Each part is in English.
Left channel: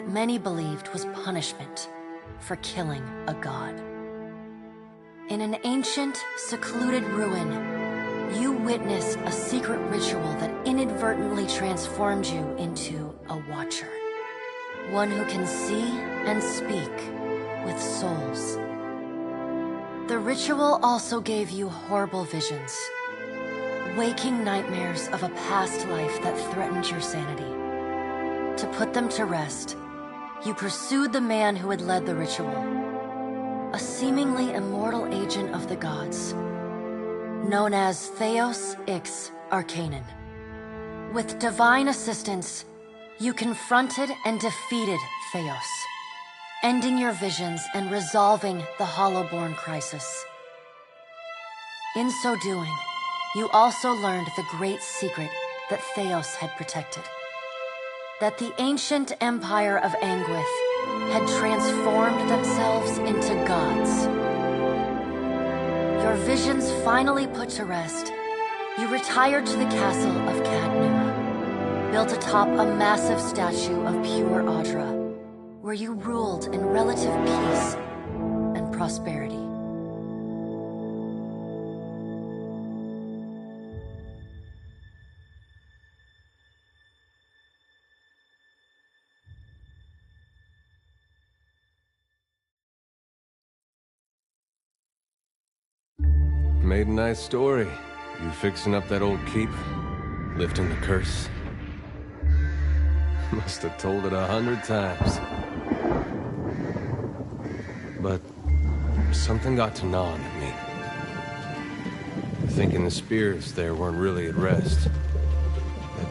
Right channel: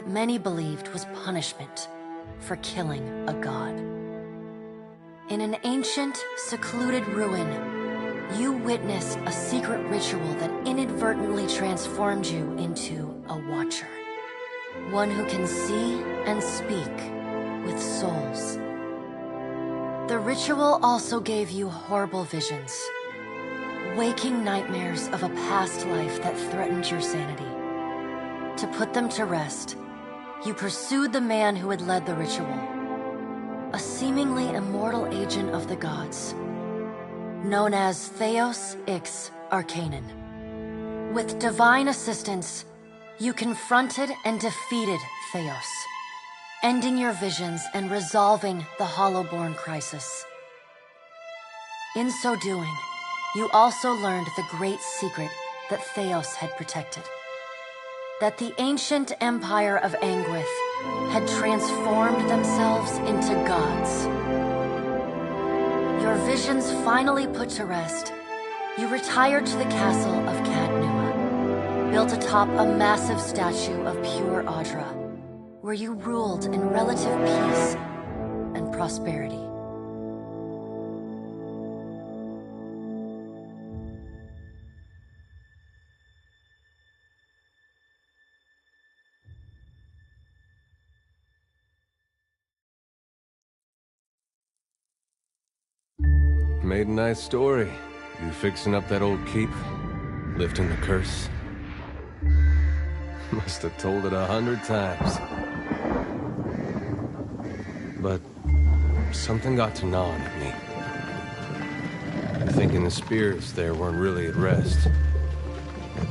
that many believed was punishment for killing a god. In an ancient, secluded ruin, you witnessed a secret ritual that inadvertently transformed you into a Watcher. One who can see and speak with souls. The ritual also gave you horrible visions, waking nightmares of a past life that threatened your sanity. To put them to rest, you pursued the man who had led the ritual, a seemingly immortal agent of the gods, known as Theos Ix Arcanon. With divine assistance, you confronted and defeated Theos, ending your visions and resolving the Hollowborn crisis. In so doing, you also learned the great secret that Theos had protected. That the ancient empire of Anguith had transformed themselves into gods. Your visions finally put to rest, you retired to the castle of Cadnua, built atop a massive statue of pure Audra, where you ruled in relative peace and prosperity. Made a nice story. You fixing up that old keep? Lifting the curse? Must have told it 100 times. But something got to gnawing at me. Thinking the spirits there weren't really at rest. That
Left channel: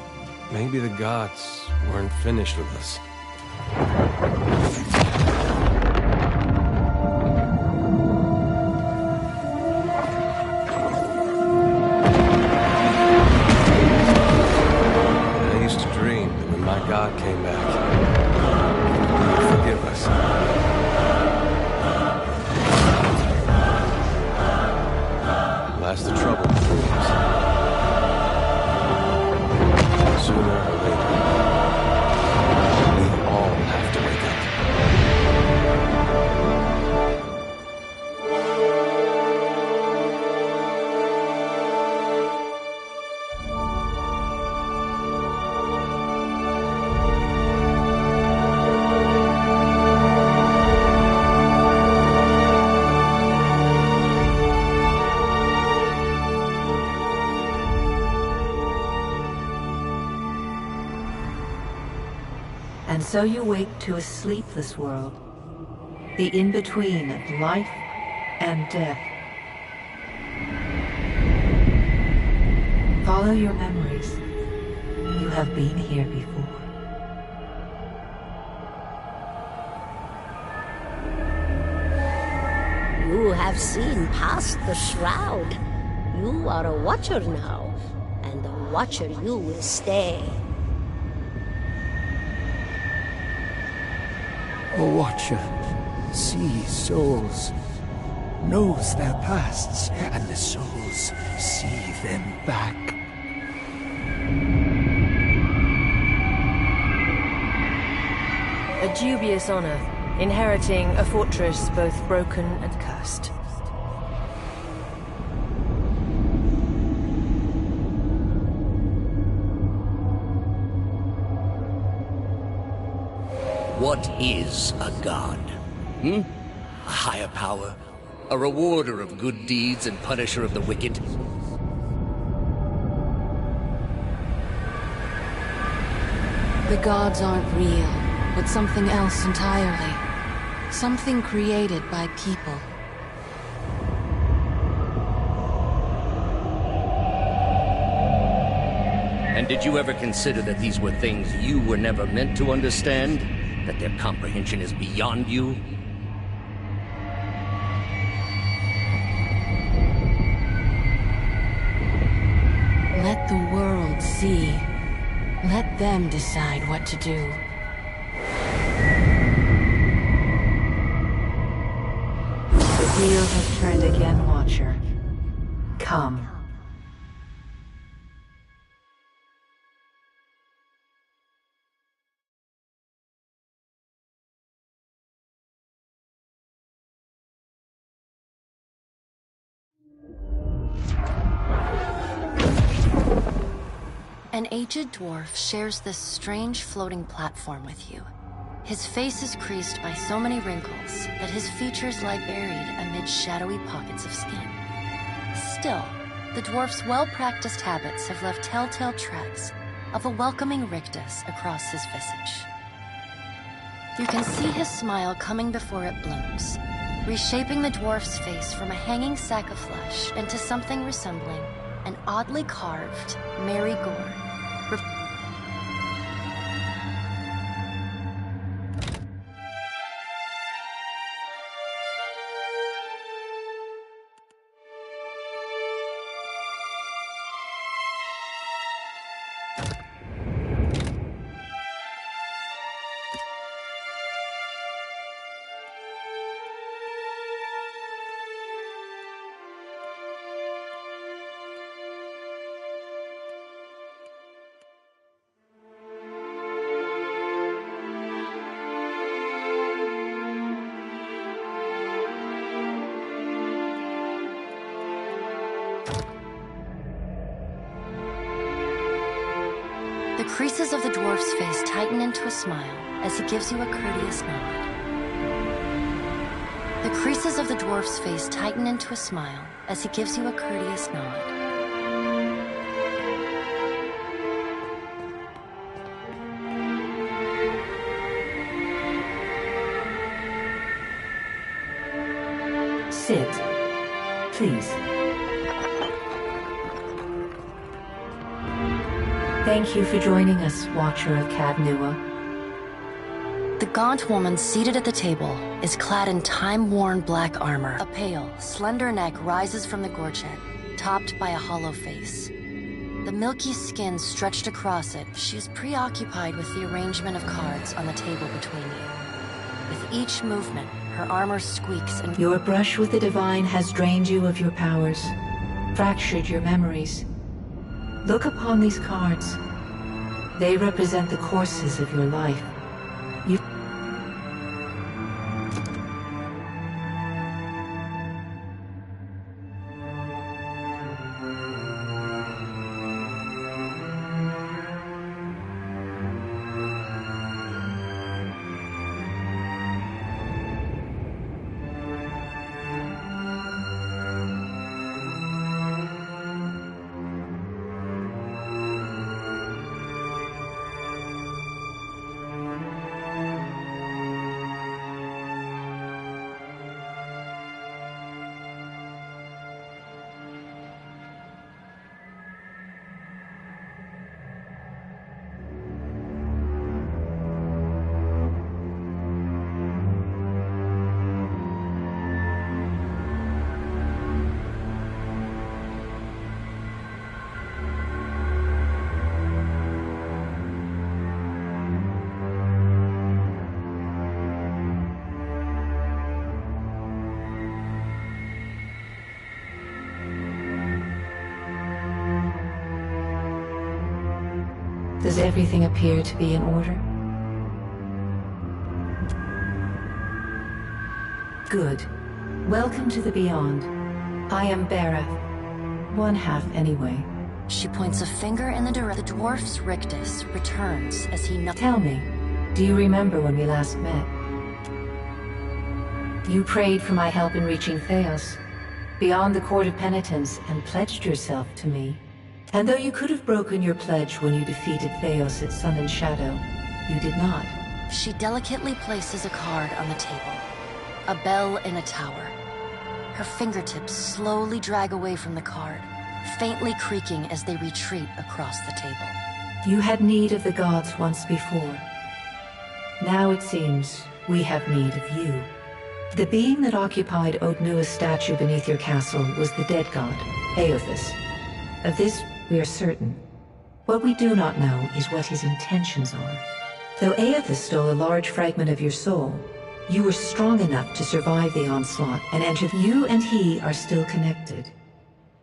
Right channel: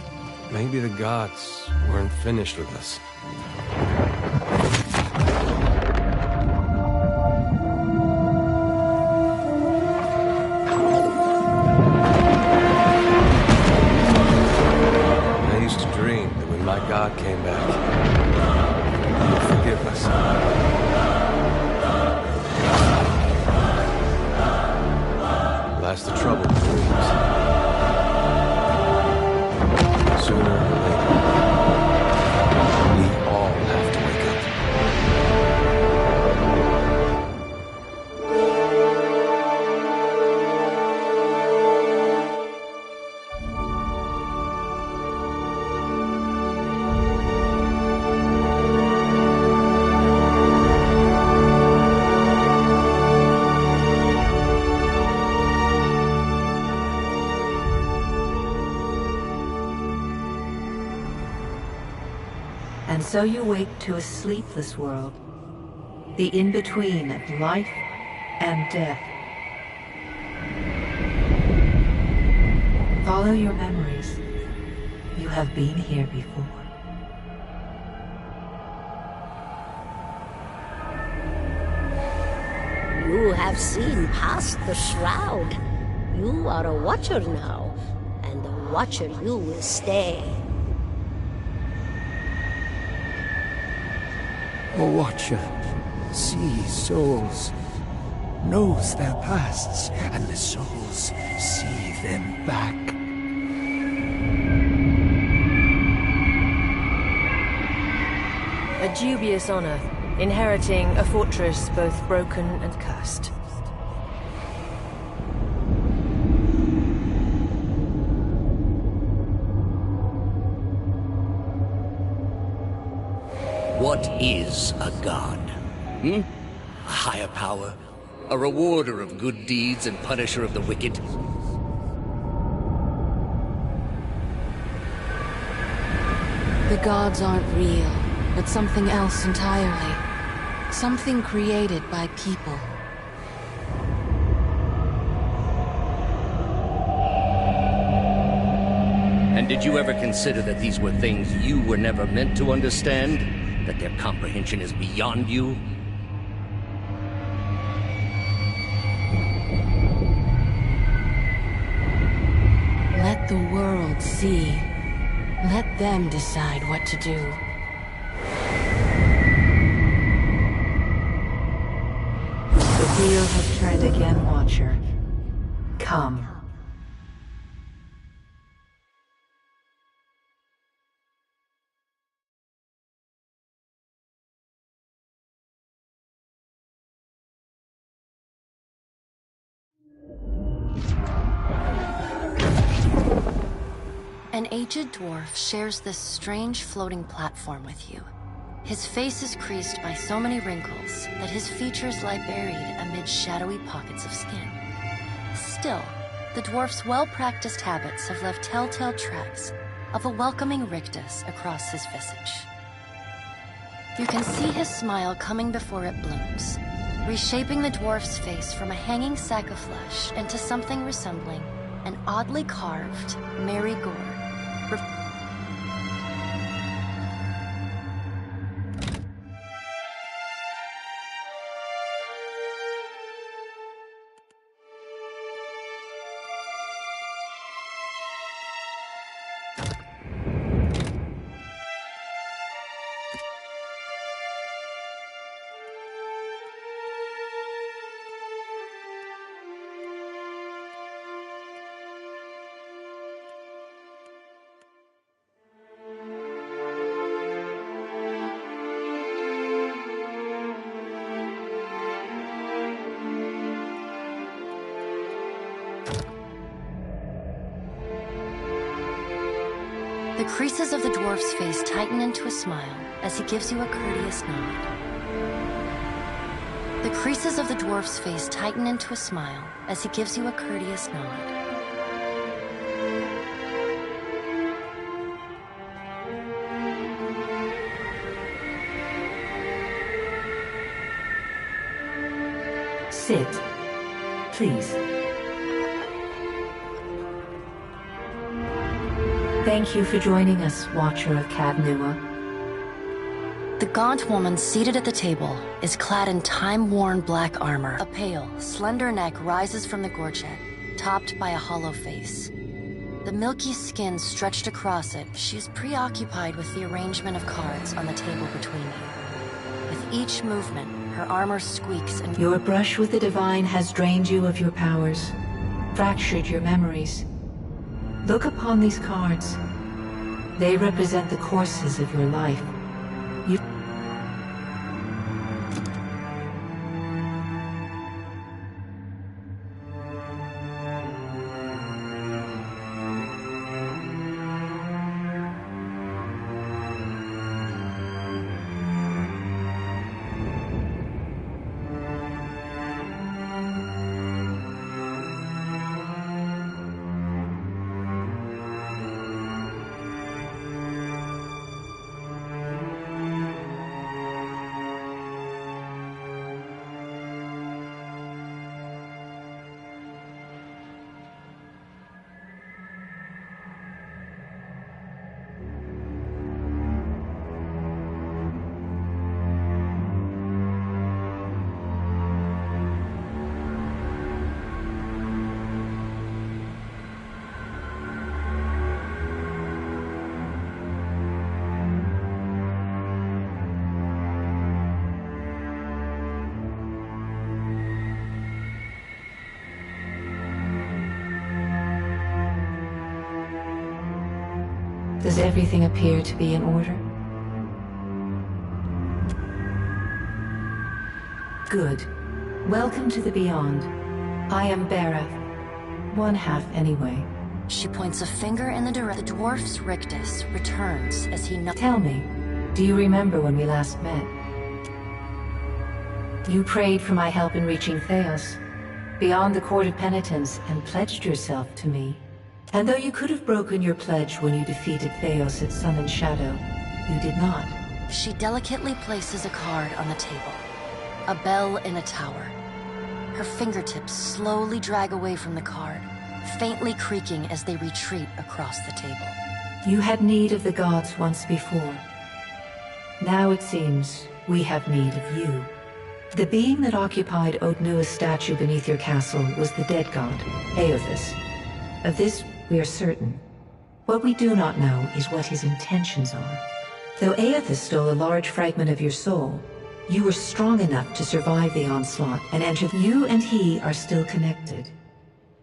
maybe the gods weren't finished with us. Dream that when my God came back, he would forgive us. Last the trouble with dreams. Sooner or later, we all have to wake up. And so you wake to a sleepless world, the in-between of life and death. Follow your memories. You have been here before. You have seen past the shroud. You are a Watcher now, and a Watcher you will stay. A Watcher sees souls, knows their pasts, and the souls see them back. A dubious honor, inheriting a fortress both broken and cursed. What is a god? A higher power? A rewarder of good deeds and punisher of the wicked? The gods aren't real, but something else entirely. Something created by people. And did you ever consider that these were things you were never meant to understand? That their comprehension is beyond you? Let the world see. Let them decide what to do. The wheel has turned again, Watcher. Come. An aged dwarf shares this strange floating platform with you. His face is creased by so many wrinkles that his features lie buried amid shadowy pockets of skin. Still, the dwarf's well-practiced habits have left telltale tracks of a welcoming rictus across his visage. You can see his smile coming before it blooms, reshaping the dwarf's face from a hanging sack of flesh into something resembling an oddly carved Mary Gore. The creases of the dwarf's face tighten into a smile as he gives you a courteous nod. The creases of the dwarf's face tighten into a smile as he gives you a courteous nod. Sit, please. Thank you for joining us, Watcher of Caed Nua. The gaunt woman seated at the table is clad in time-worn black armor. A pale, slender neck rises from the gorget, topped by a hollow face. The milky skin stretched across it, she is preoccupied with the arrangement of cards on the table between you. With each movement, her armor squeaks and... Your brush with the divine has drained you of your powers, fractured your memories. Look upon these cards. They represent the courses of your life. You... Does everything appear to be in order? Good. Welcome to the Beyond. I am Berath. One half, anyway. She points a finger in the direction. The dwarf's rictus returns as he... Tell me, do you remember when we last met? You prayed for my help in reaching Theos, beyond the Court of Penitence, and pledged yourself to me. And though you could have broken your pledge when you defeated Theos at Sun and Shadow, you did not. She delicately places a card on the table. A bell in a tower. Her fingertips slowly drag away from the card, faintly creaking as they retreat across the table. You had need of the gods once before. Now it seems we have need of you. The being that occupied Odnua's statue beneath your castle was the dead god, Eothas. Of this, we are certain. What we do not know is what his intentions are. Though Eothas stole a large fragment of your soul, you were strong enough to survive the onslaught and enter. You and he are still connected.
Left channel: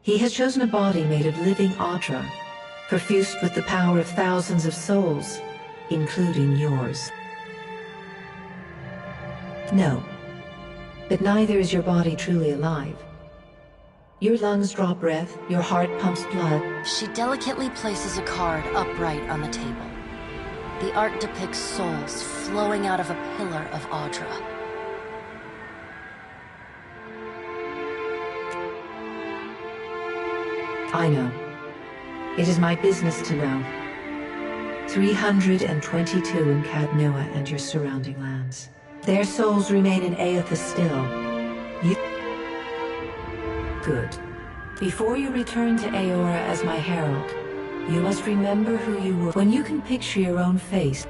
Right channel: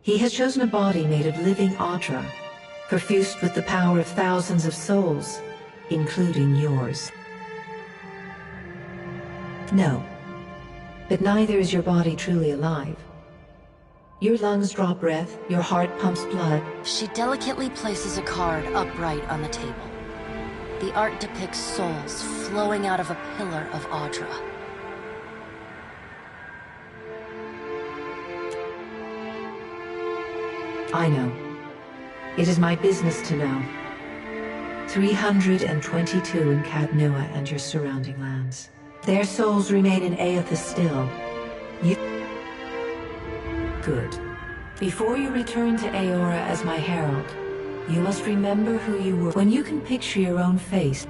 He has chosen a body made of living Audra, perfused with the power of thousands of souls, including yours. No, but neither is your body truly alive. Your lungs draw breath, your heart pumps blood. She delicately places a card upright on the table. The art depicts souls flowing out of a pillar of Audra. I know. It is my business to know. 322 in Cadnua and your surrounding lands. Their souls remain in Aethys still. You... Good. Before you return to Eora as my herald, you must remember who you were. When you can picture your own face,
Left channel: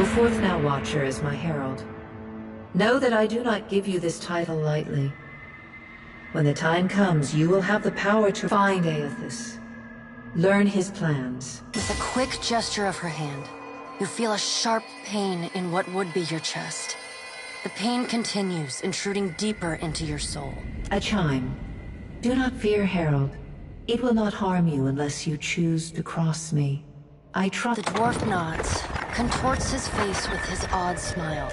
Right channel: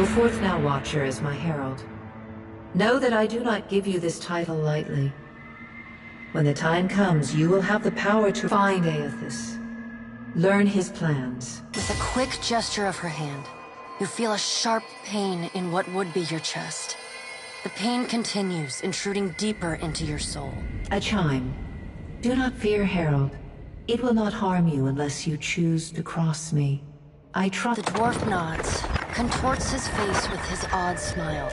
go forth now, Watcher, as my herald. Know that I do not give you this title lightly. When the time comes, you will have the power to find Aethys. Learn his plans. With a quick gesture of her hand, you feel a sharp pain in what would be your chest. The pain continues, intruding deeper into your soul. A chime. Do not fear, Herald. It will not harm you unless you choose to cross me. I trust— The dwarf nods, contorts his face with his odd smile.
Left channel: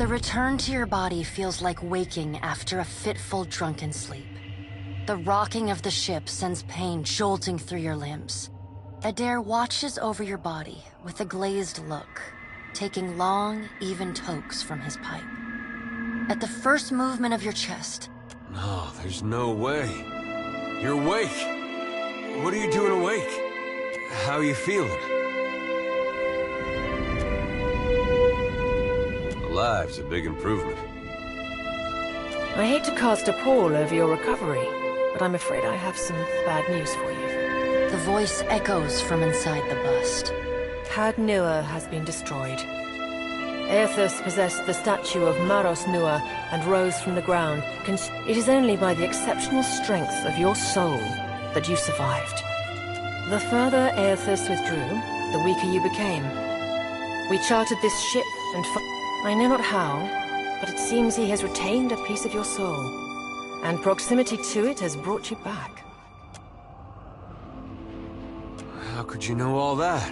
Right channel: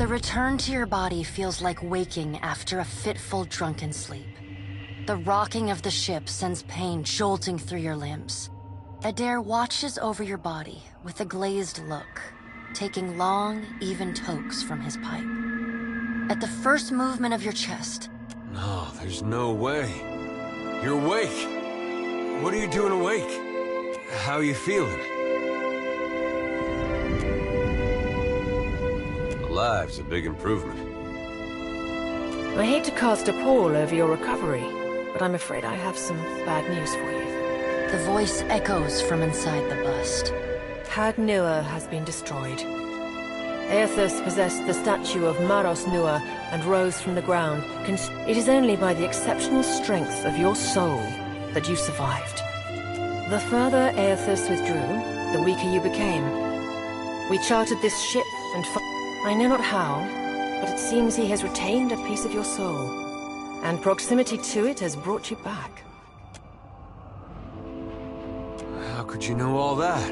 The return to your body feels like waking after a fitful drunken sleep. The rocking of the ship sends pain jolting through your limbs. Adair watches over your body with a glazed look, taking long, even tokes from his pipe. At the first movement of your chest... No, there's no way. You're awake. What are you doing awake? How are you feeling? Alive's a big improvement. I hate to cast a pall over your recovery, but I'm afraid I have some bad news for you. The voice echoes from inside the bust. Had Nua has been destroyed. Aethus possessed the statue of Maros Nua and rose from the ground. It is only by the exceptional strength of your soul that you survived. The further Aethus withdrew, the weaker you became. We chartered this ship and I know not how, but it seems he has retained a piece of your soul, and proximity to it has brought you back. How could you know all that?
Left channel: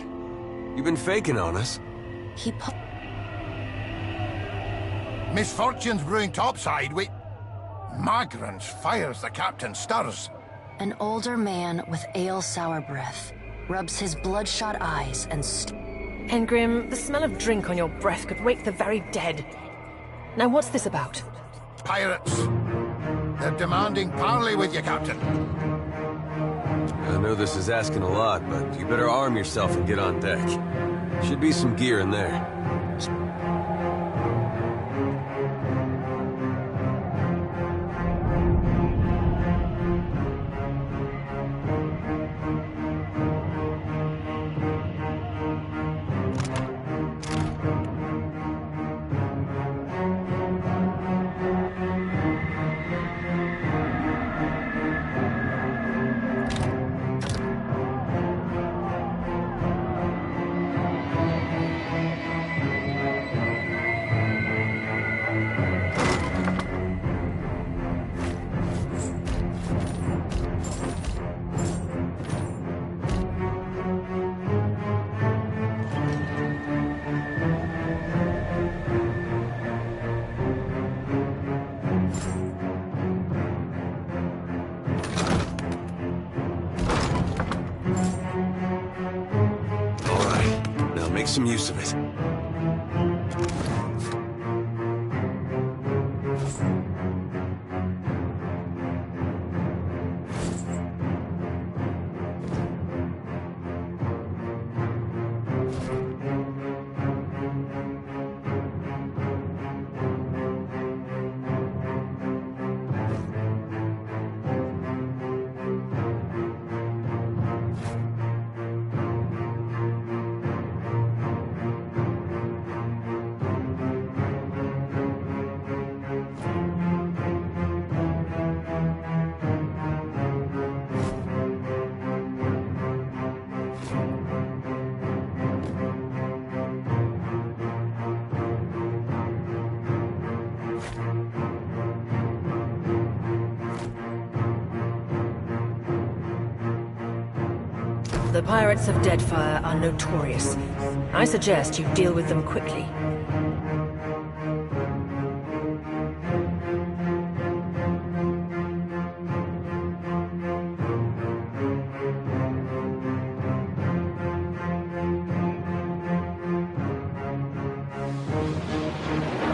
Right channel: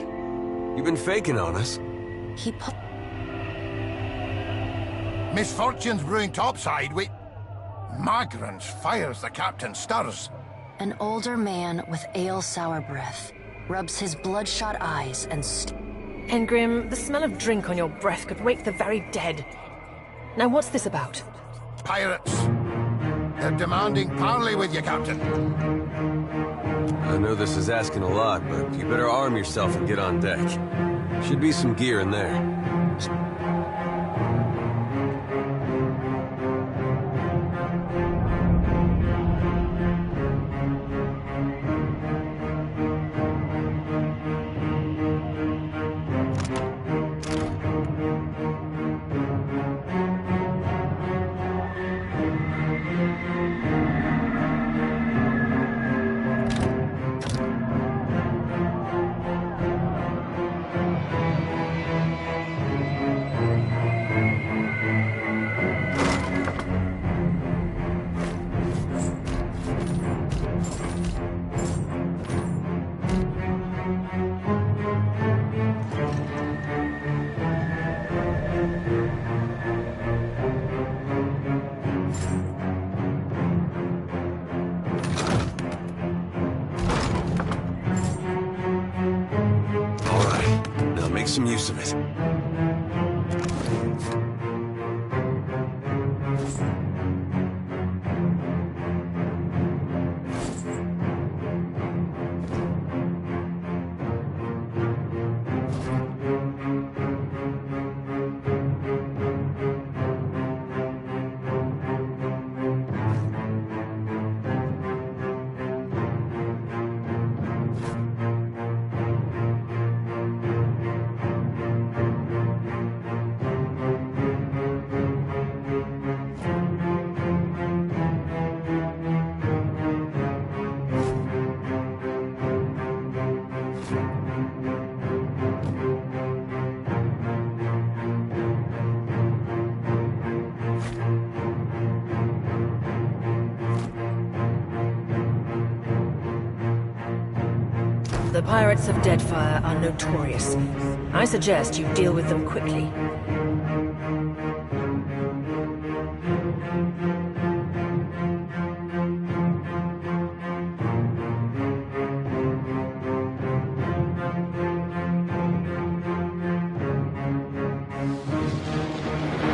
You've been faking on us. Misfortune's brewing topside. Magrans fires the captain stirs. An older man with ale-sour breath rubs his bloodshot eyes and Engrim, the smell of drink on your breath could wake the very dead. Now what's this about? Pirates. They're demanding parley with you, Captain. I know this is asking a lot, but you better arm yourself and get on deck. Should be some gear in there. Make some use of it. The pirates of Deadfire are notorious. I suggest you deal with them quickly.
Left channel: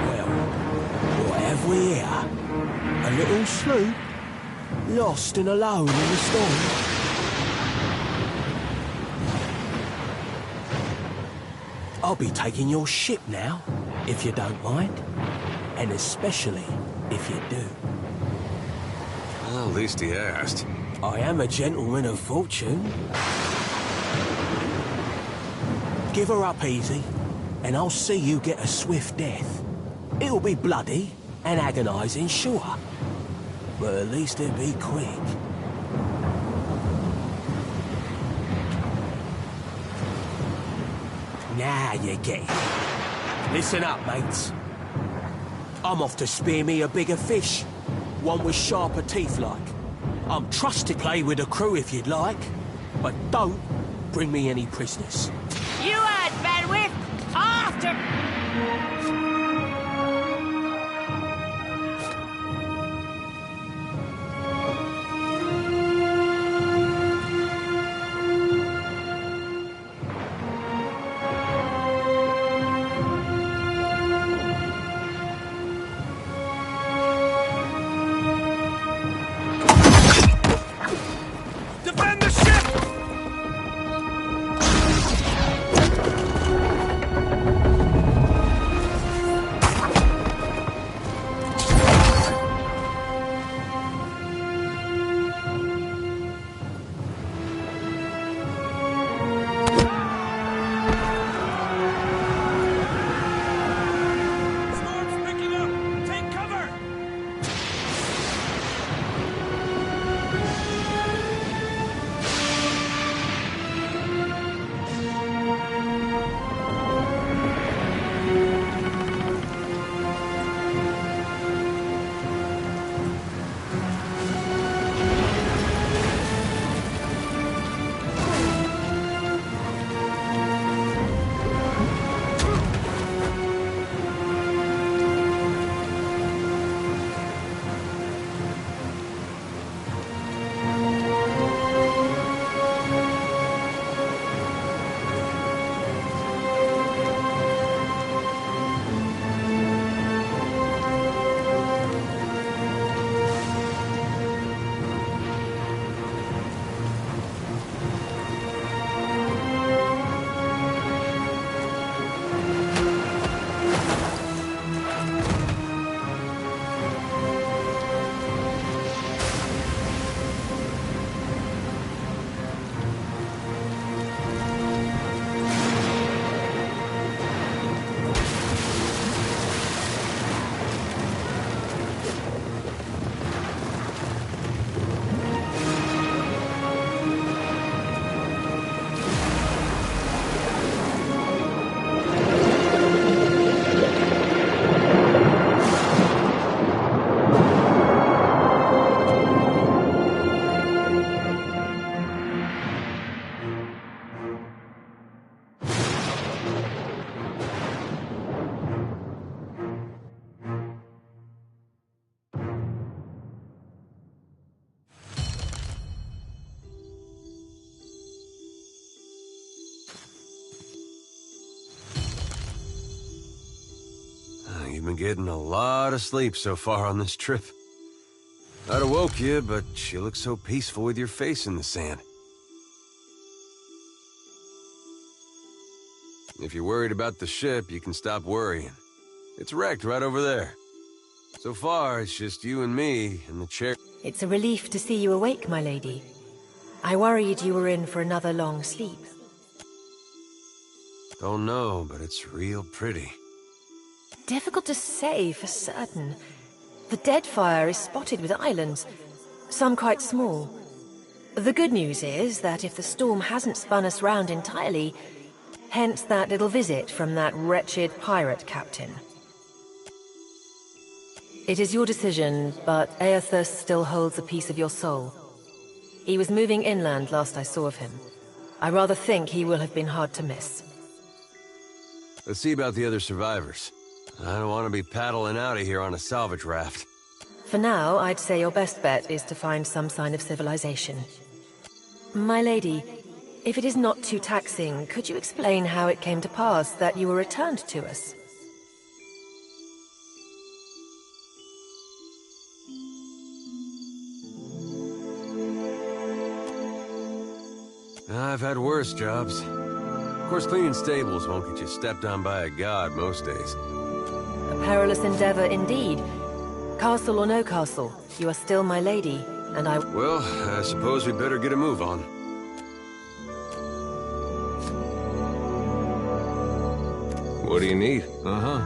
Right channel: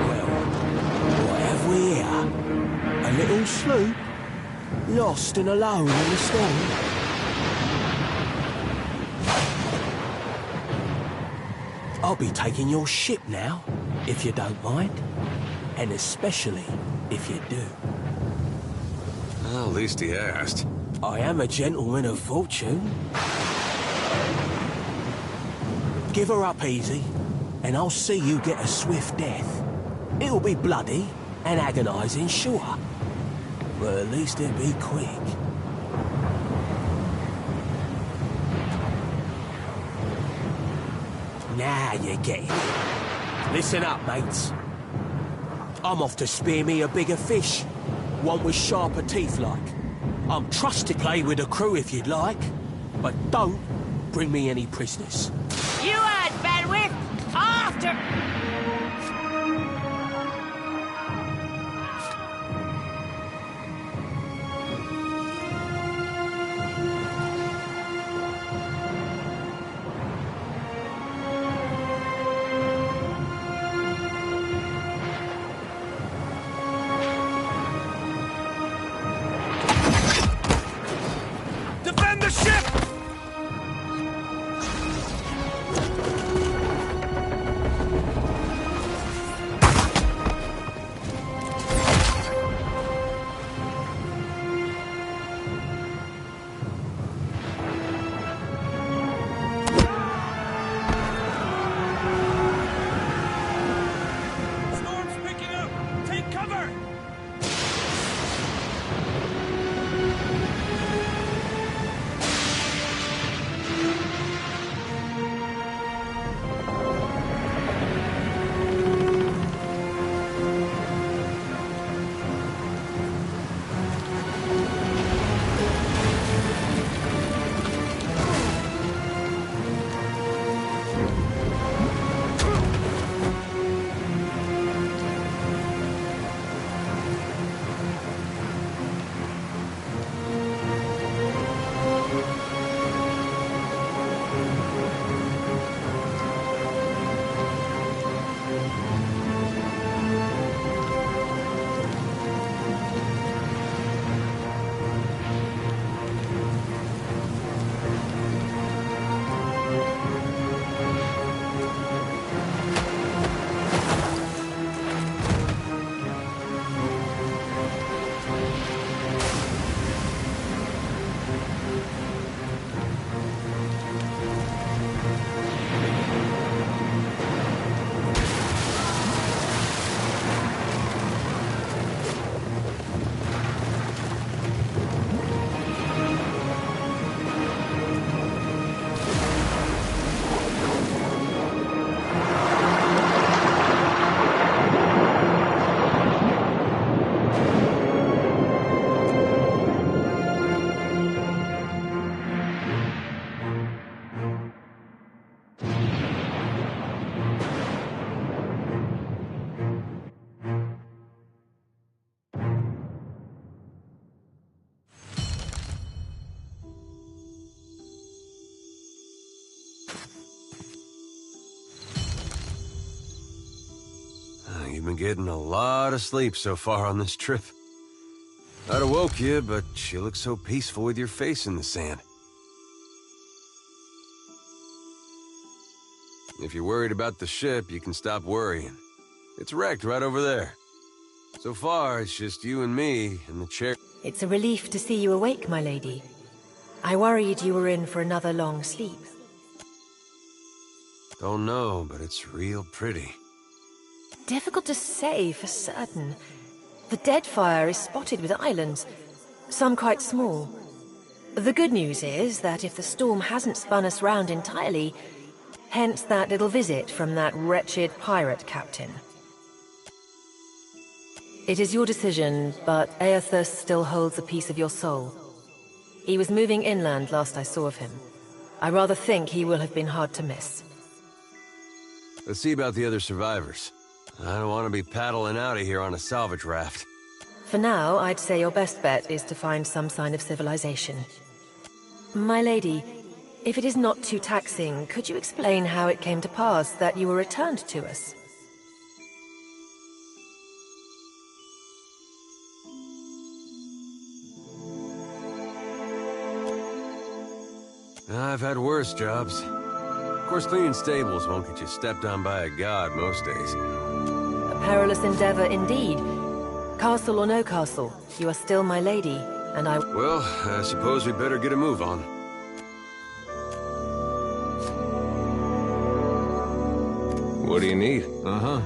Well, what have we here? A little sloop? Lost and alone in the storm? I'll be taking your ship now, if you don't mind. And especially if you do. Well, at least he asked. I am a gentleman of fortune. Give her up easy, and I'll see you get a swift death. It'll be bloody and agonizing, sure. But at least it'll be quick. Now you're getting it. Listen up, mates. I'm off to spear me a bigger fish. One with sharper teeth like. I'm trust to play with the crew if you'd like. But don't bring me any prisoners. You heard, Benwith! After... You've been getting a lot of sleep so far on this trip. I'd have woke you, but you look so peaceful with your face in the sand. If you're worried about the ship, you can stop worrying. It's wrecked right over there. So far, it's just you and me and the chair. It's a relief to see you awake, my lady. I worried you were in for another long sleep. Don't know, but it's real pretty. Difficult to say for certain. The Deadfire is spotted with islands, some quite small. The good news is that if the storm hasn't spun us round entirely, hence that little visit from that wretched pirate captain. It is your decision, but Aethus still holds a piece of your soul. He was moving inland last I saw of him. I rather think he will have been hard to miss. Let's see about the other survivors. I don't want to be paddling out of here on a salvage raft. For now, I'd say your best bet is to find some sign of civilization. My lady, if it is not too taxing, could you explain how it came to pass that you were returned to us? I've had worse jobs. Of course, cleaning stables won't get you stepped on by a god most days. A perilous endeavor indeed. Castle or no castle, you are still my lady, and I... Well, I suppose we better get a move on. What do you need? Uh-huh.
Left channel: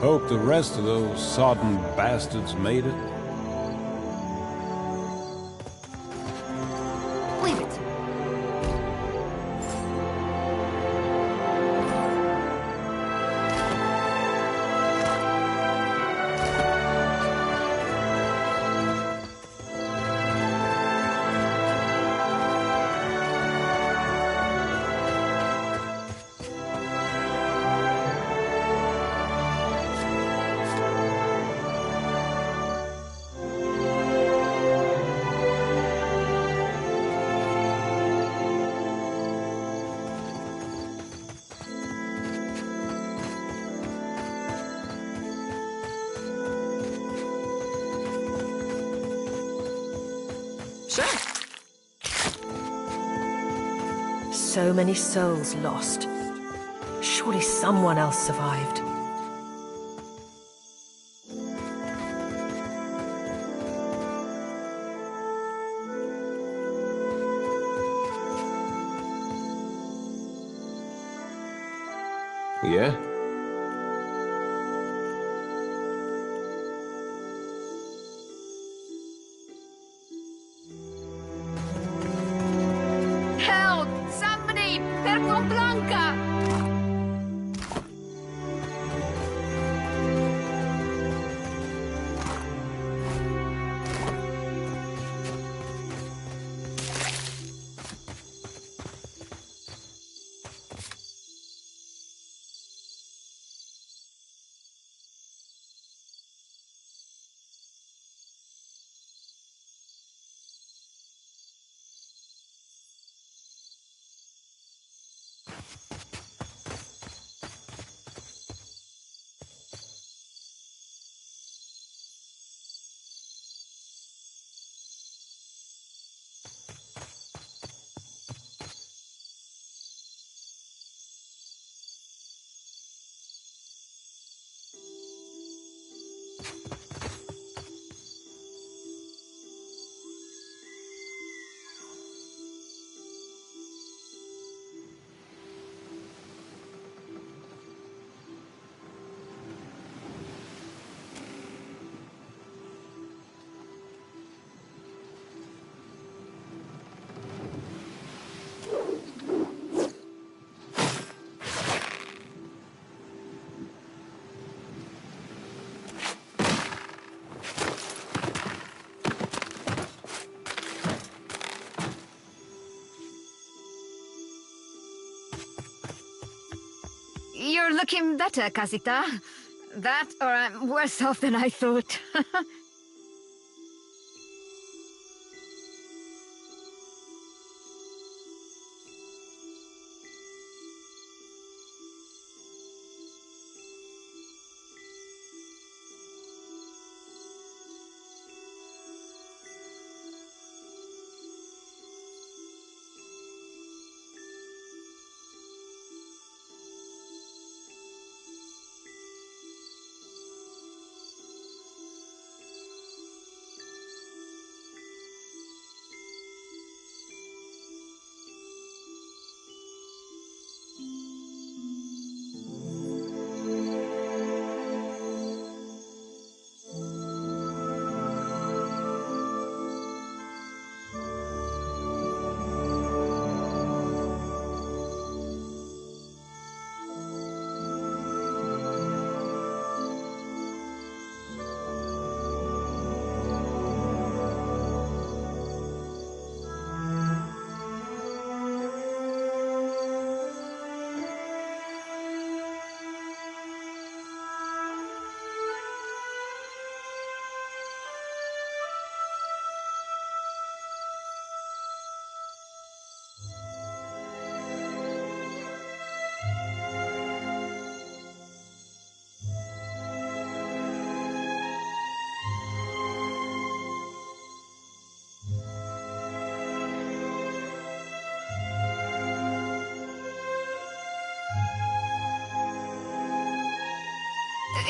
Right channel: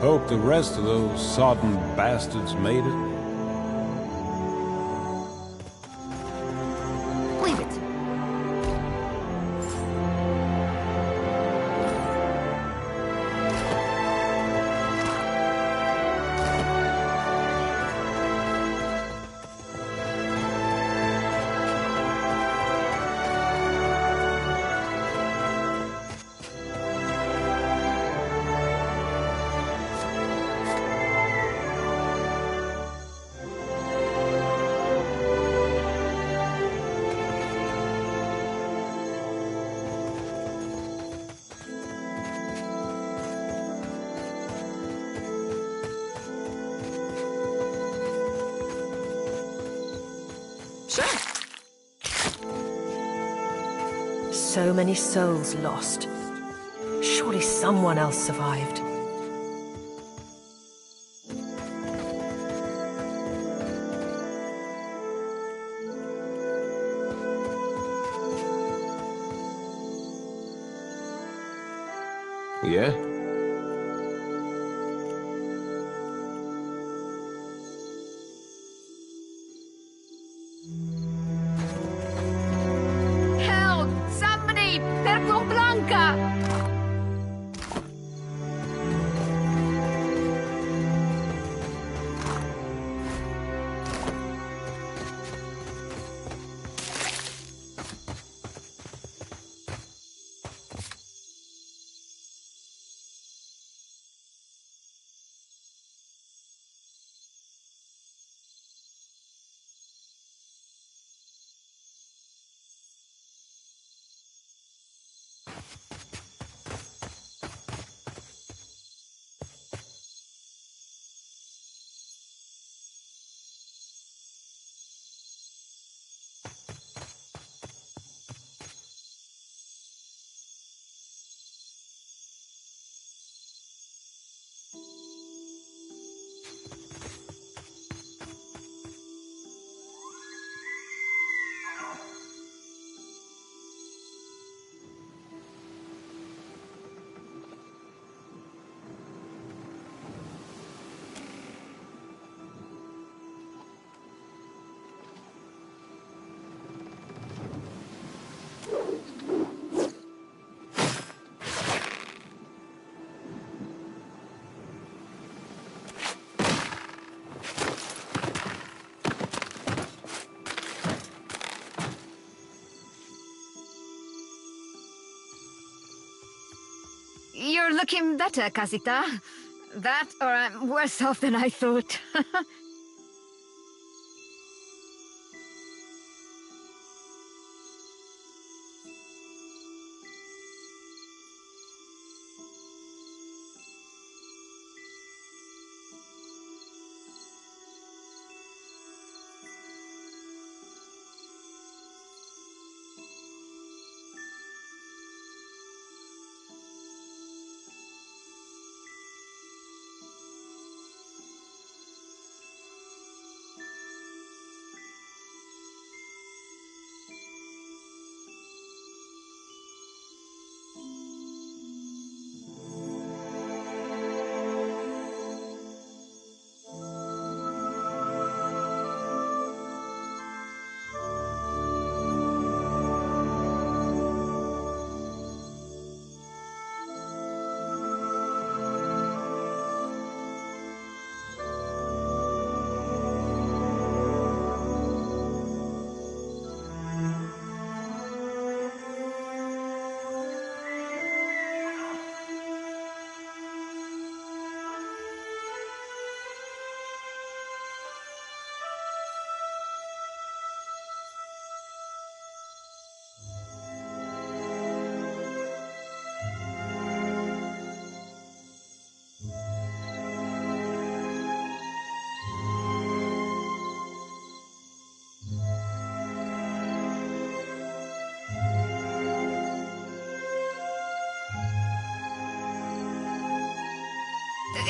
Hope the rest of those sodden bastards made it. Leave it. So many souls lost. Surely someone else survived. Yeah? Help! Somebody! Per con Blanca! You're looking better, Casita. That, or I'm worse off than I thought.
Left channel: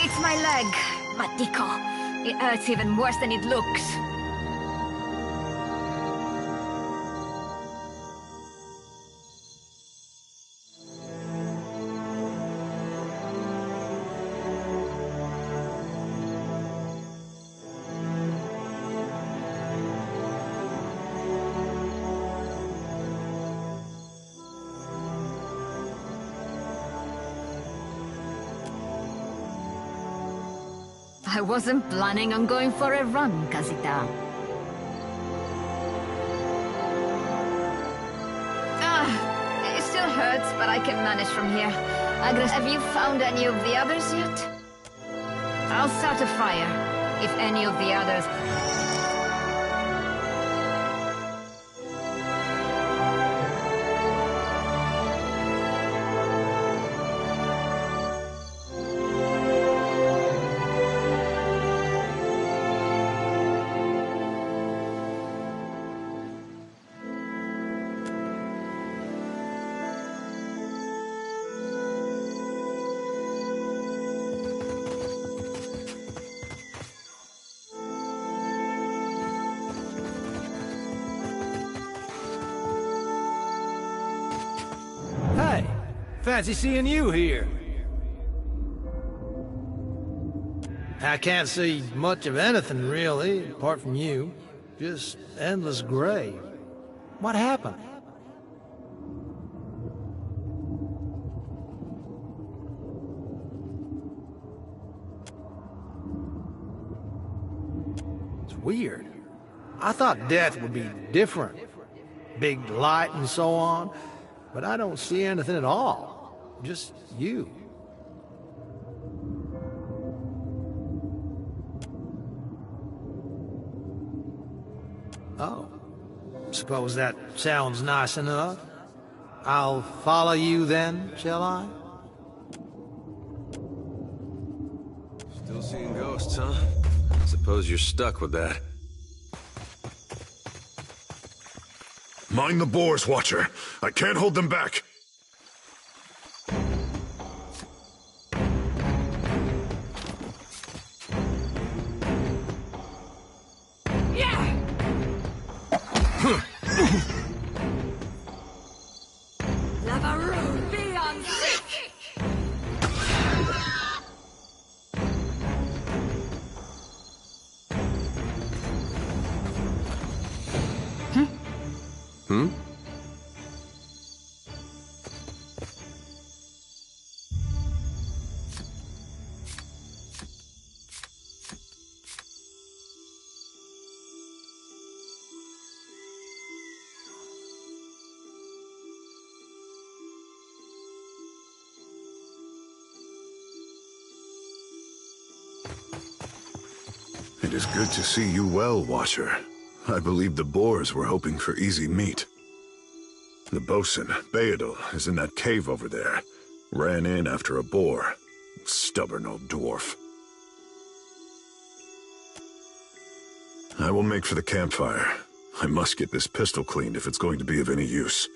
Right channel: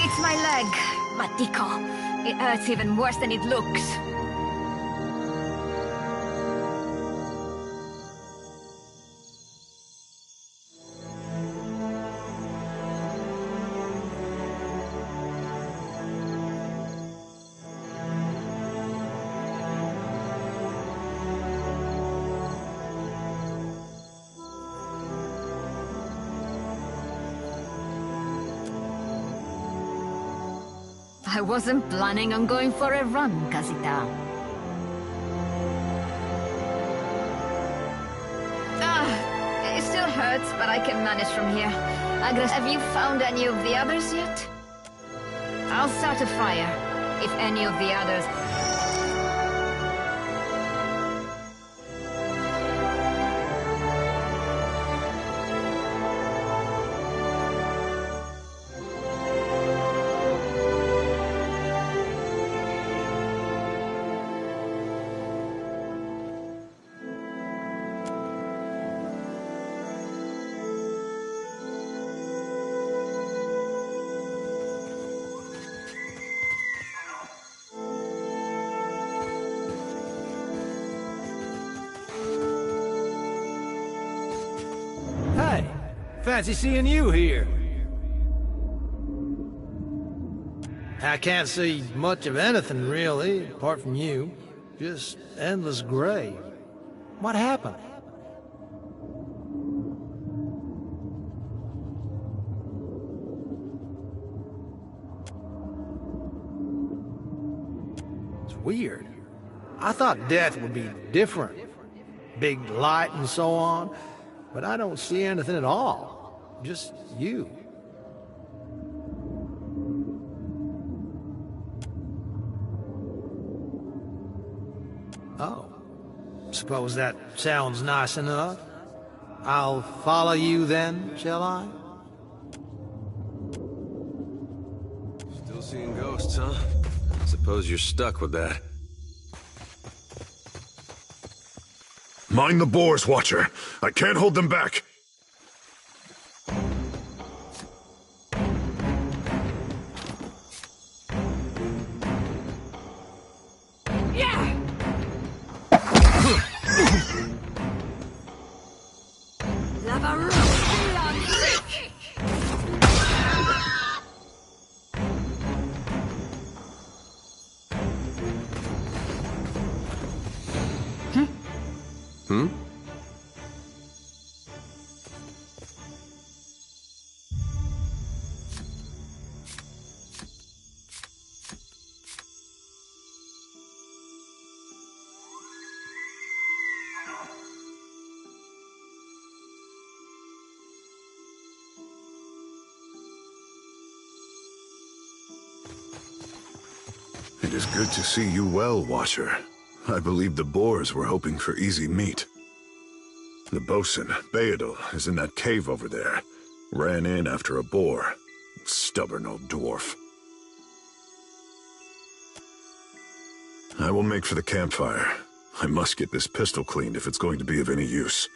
It's my leg, Matiko. It hurts even worse than it looks. I wasn't planning on going for a run, Casita. It still hurts, but I can manage from here. Agnes, have you found any of the others yet? I'll start a fire, if any of the others... Hey, fancy seeing you here. I can't see much of anything, really, apart from you. Just endless gray. What happened? It's weird. I thought death would be different. Big light and so on. But I don't see anything at all. Just you. Oh. Suppose that sounds nice enough. I'll follow you then, shall I? Still seeing ghosts, huh? Suppose you're stuck with that. Mind the boars, Watcher. I can't hold them back. It is good to see you well, Watcher. I believe the Boars were hoping for easy meat. The bosun, Beedle, is in that cave over there. Ran in after a boar. Stubborn old dwarf. I will make for the campfire. I must get this pistol cleaned if it's going to be of any use.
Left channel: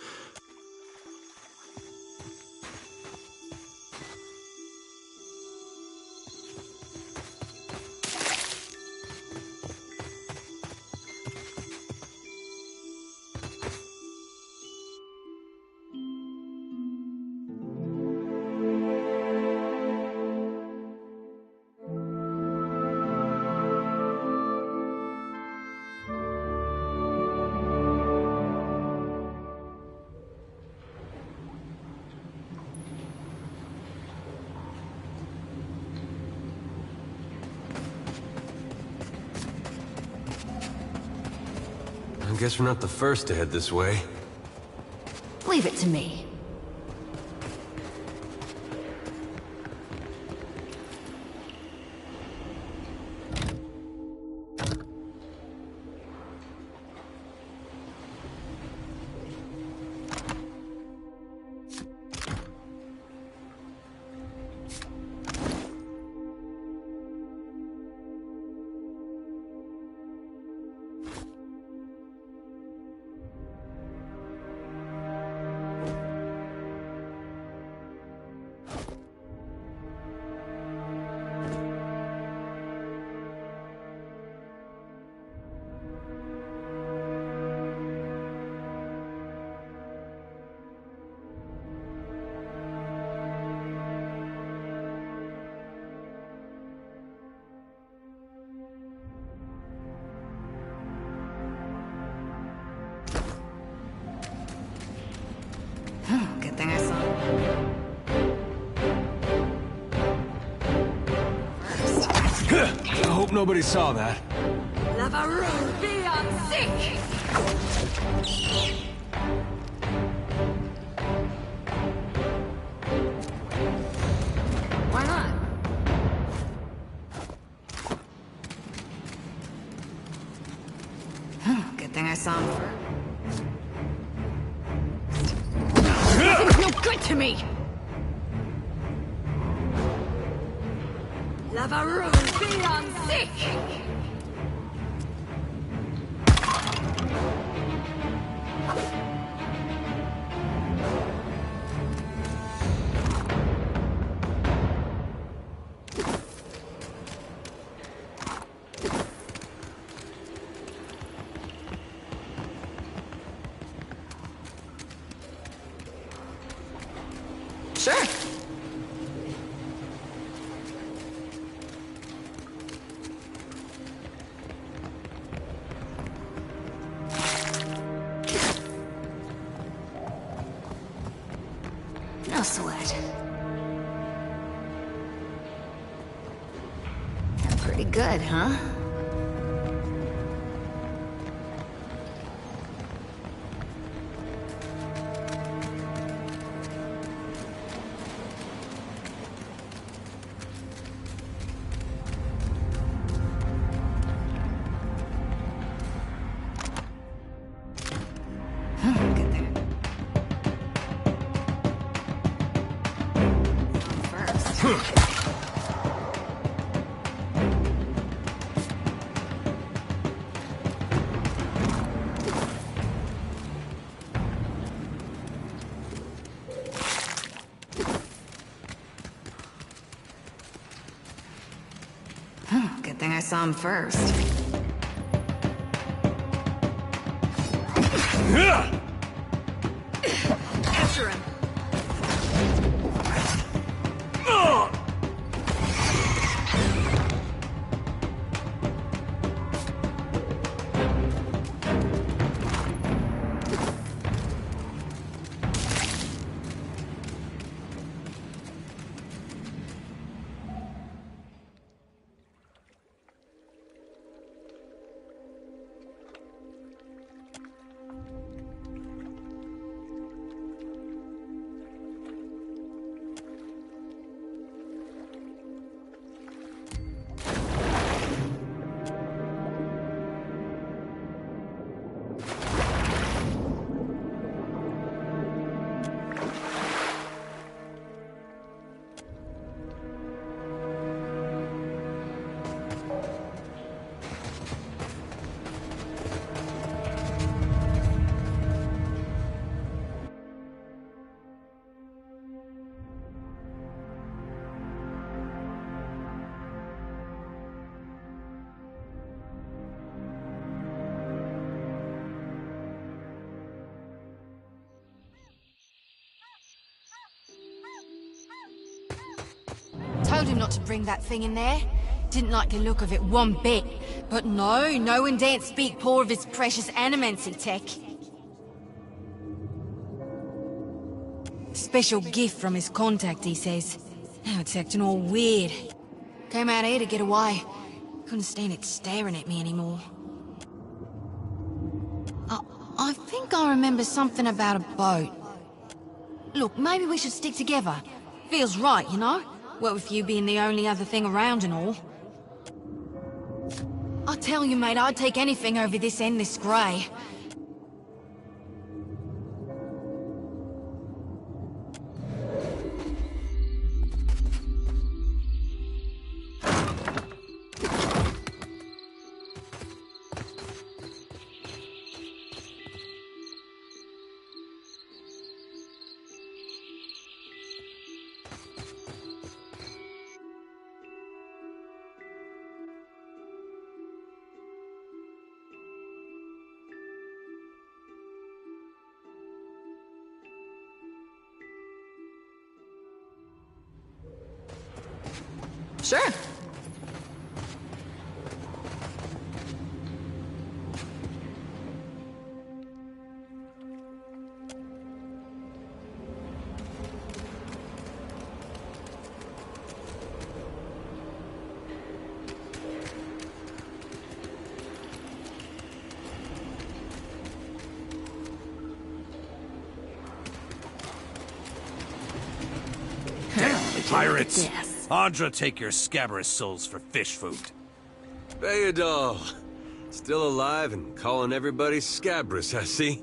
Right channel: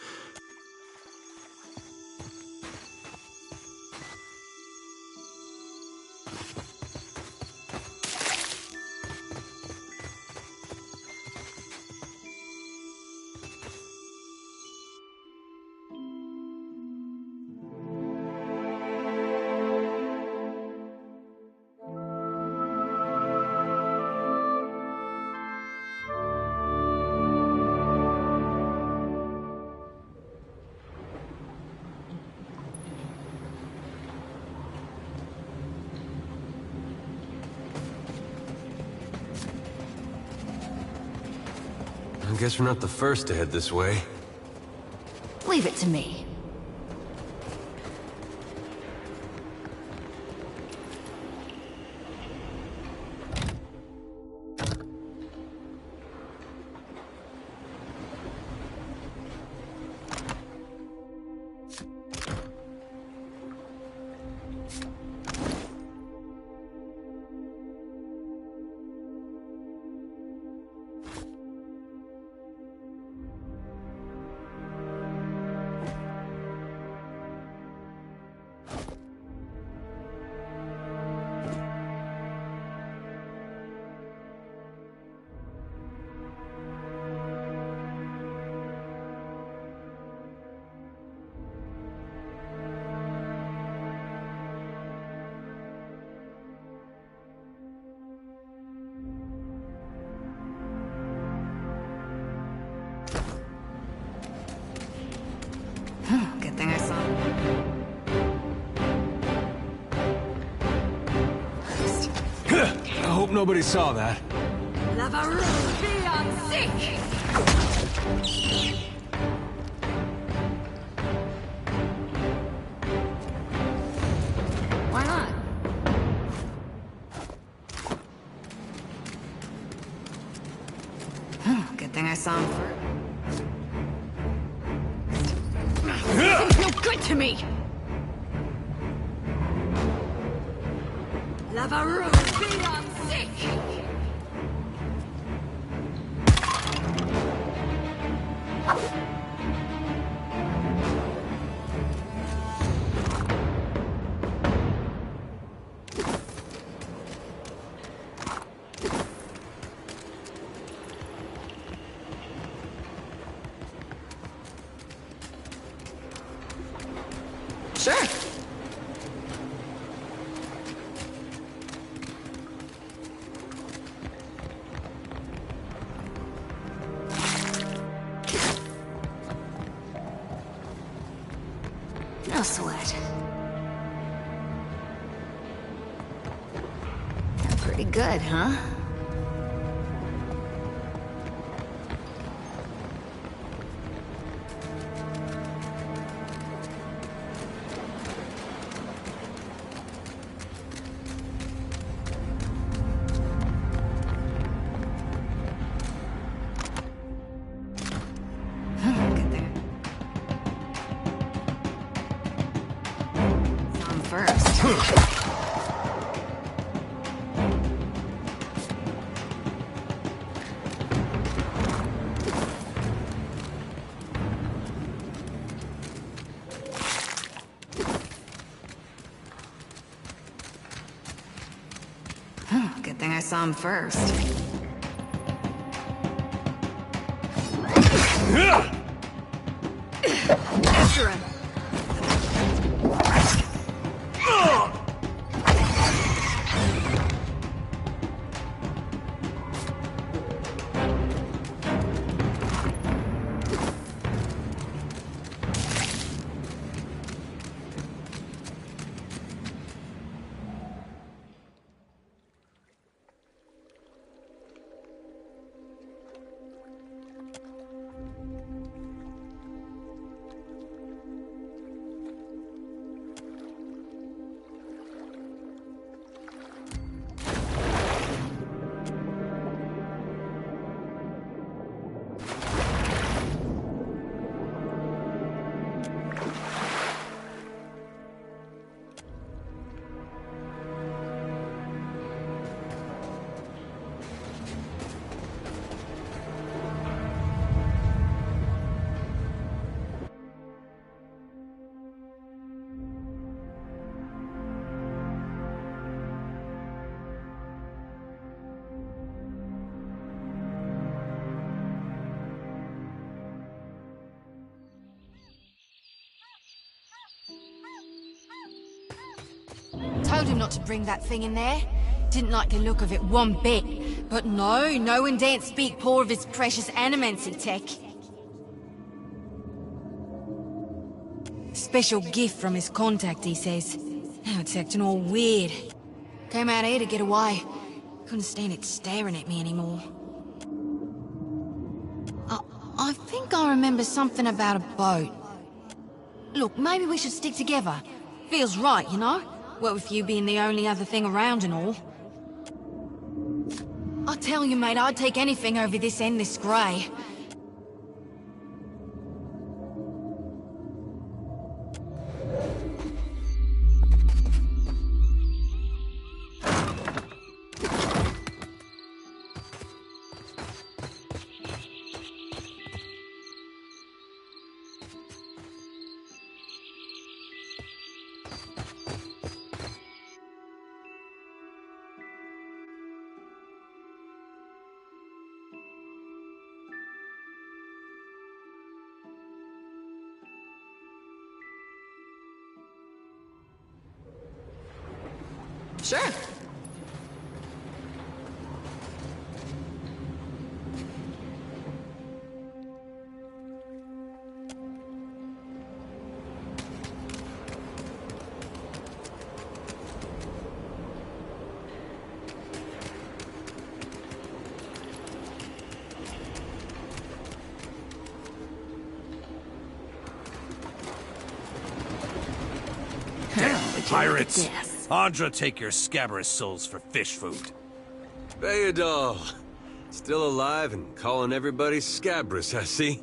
I guess we're not the first to head this way. Leave it to me. Good thing I saw him first. I hope nobody saw that. Lavaroon beyond sick! Why not? Good thing I saw him first. Nothing's no good to me! Lavaroon beyond sick! Sure. No sweat. That's pretty good, huh? Good thing. On first. Good thing I saw him first. After him. Told him not to bring that thing in there. Didn't like the look of it one bit. But no one daren't speak poor of his precious animancy tech. Special gift from his contact, he says. Now it's acting all weird. Came out here to get away. Couldn't stand it staring at me anymore. I think I remember something about a boat. Look, maybe we should stick together. Feels right, you know? What with you being the only other thing around and all. I tell you, mate, I'd take anything over this endless grey. Sure. Pirates! Andra, take your scabrous souls for fish food. Bayadol. Still alive and calling everybody scabrous, I see.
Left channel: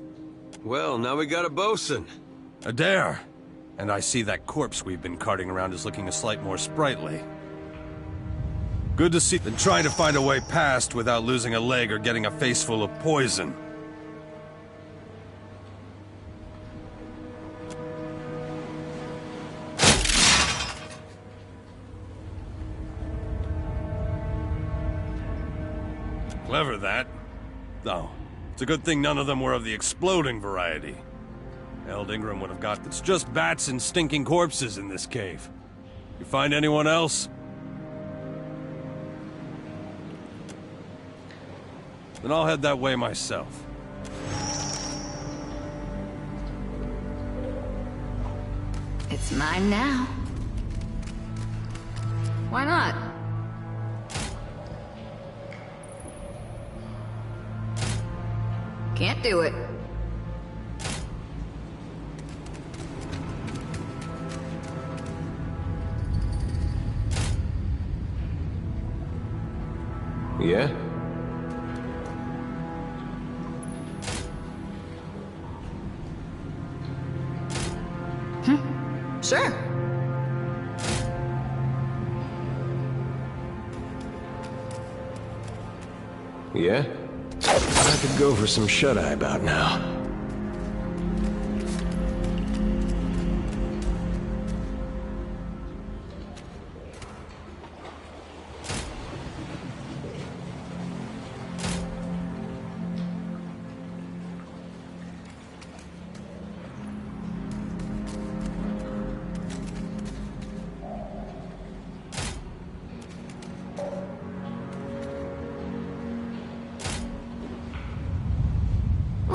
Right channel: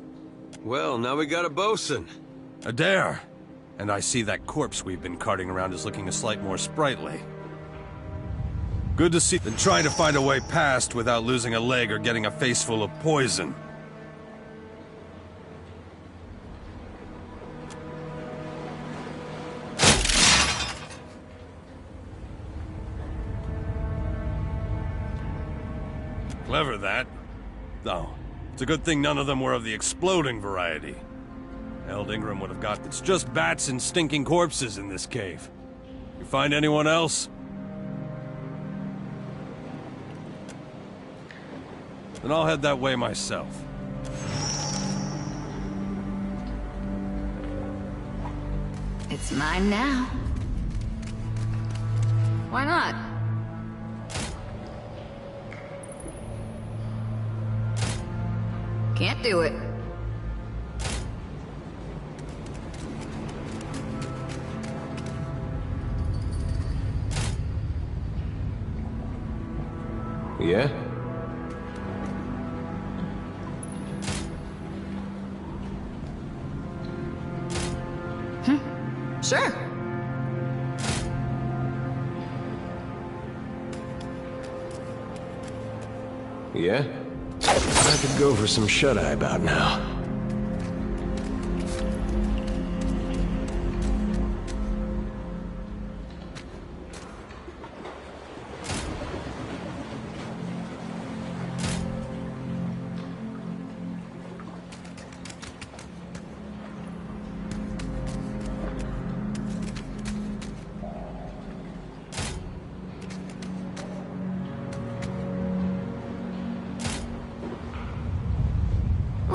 Well, now we got a bosun. Adair. And I see that corpse we've been carting around is looking a slight more sprightly. Good to see them trying to find a way past without losing a leg or getting a face full of poison. Clever, that. Though, it's a good thing none of them were of the exploding variety. Eld Ingram would have got it's just bats and stinking corpses in this cave. You find anyone else? Then I'll head that way myself. It's mine now. Why not? Can't do it. Yeah? Sure. Yeah? I could go for some shut-eye about now.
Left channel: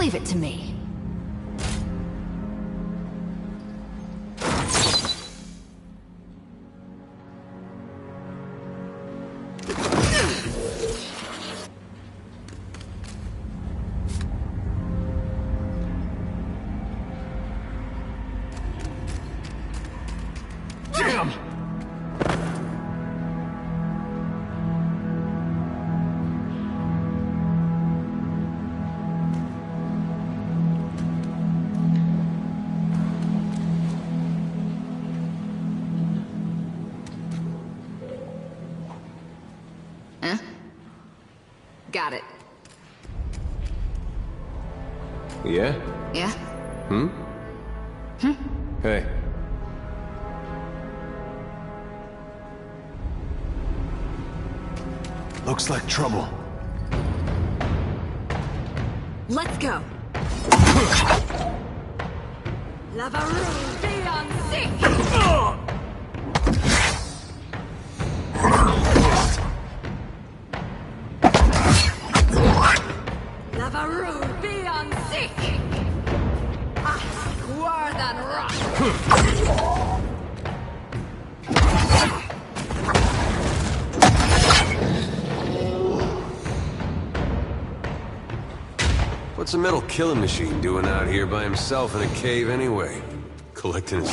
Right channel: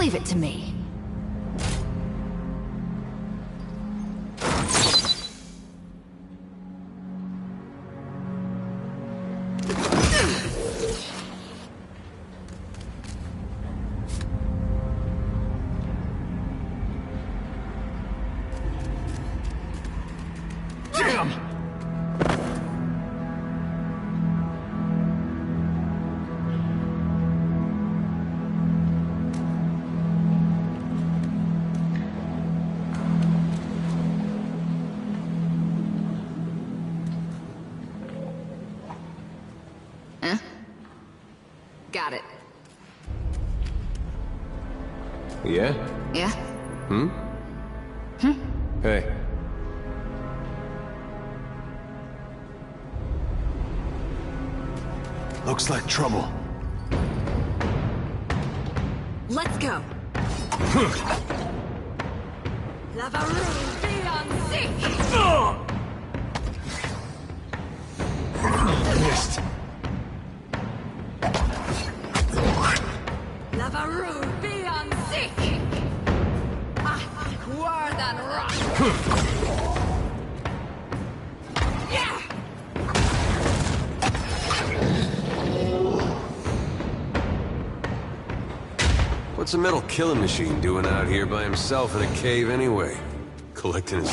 Leave it to me. Damn! Huh? Got it. Yeah? Yeah? Hmm? Hey. Looks like trouble. Let's go. Lavaroo, be on sick! Missed. Lavaroo, be on sick! Word and rock! What's a metal killing machine doing out here by himself in a cave anyway? Collecting his...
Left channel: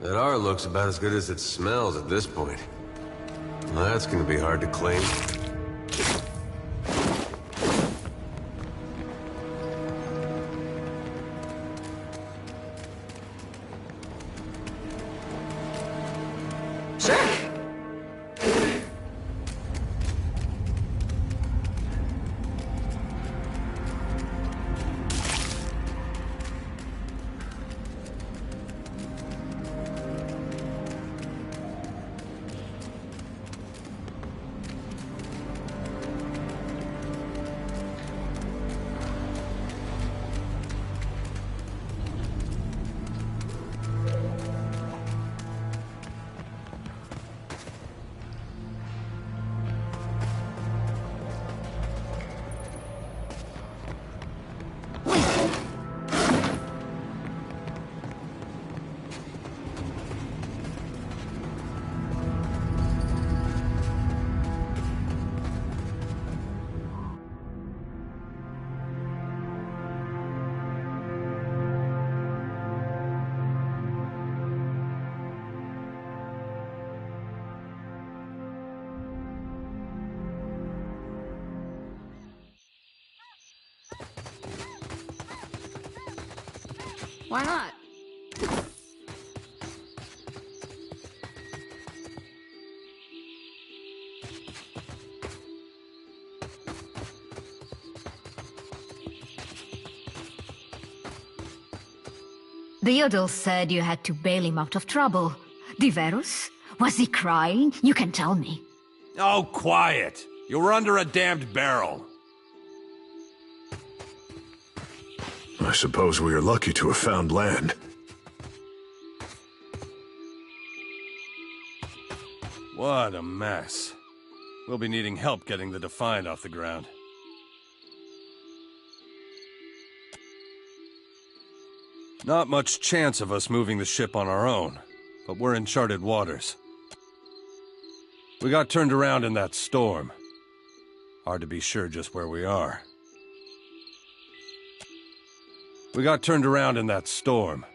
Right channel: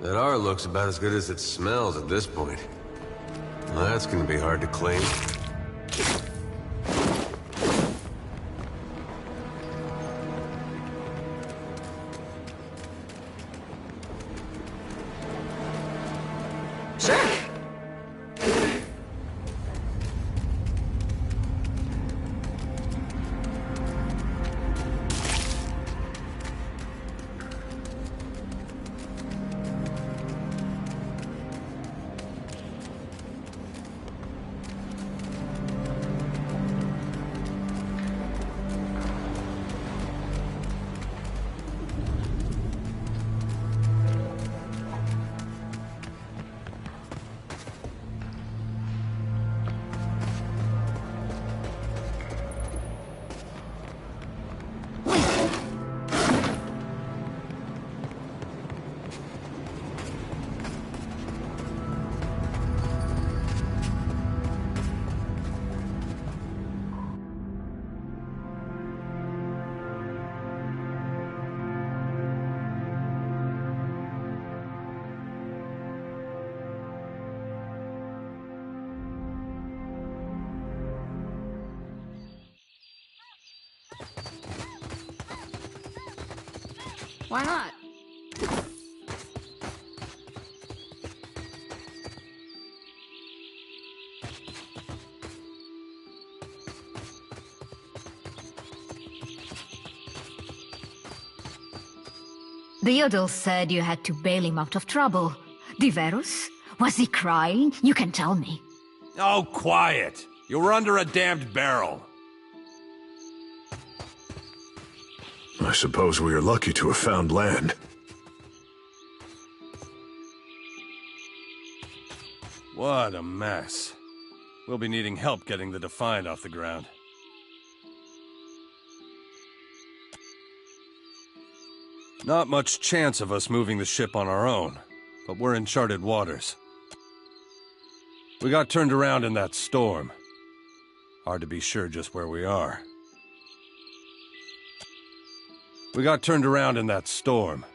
That R looks about as good as it smells at this point. Well, that's gonna be hard to claim. Why not? The Yodel said you had to bail him out of trouble. Diverus? Was he crying? You can tell me. Oh, quiet! You were under a damned barrel. I suppose we are lucky to have found land. What a mess. We'll be needing help getting the Defiant off the ground. Not much chance of us moving the ship on our own, but we're in charted waters. We got turned around in that storm. Hard to be sure just where we are. We got turned around in that storm.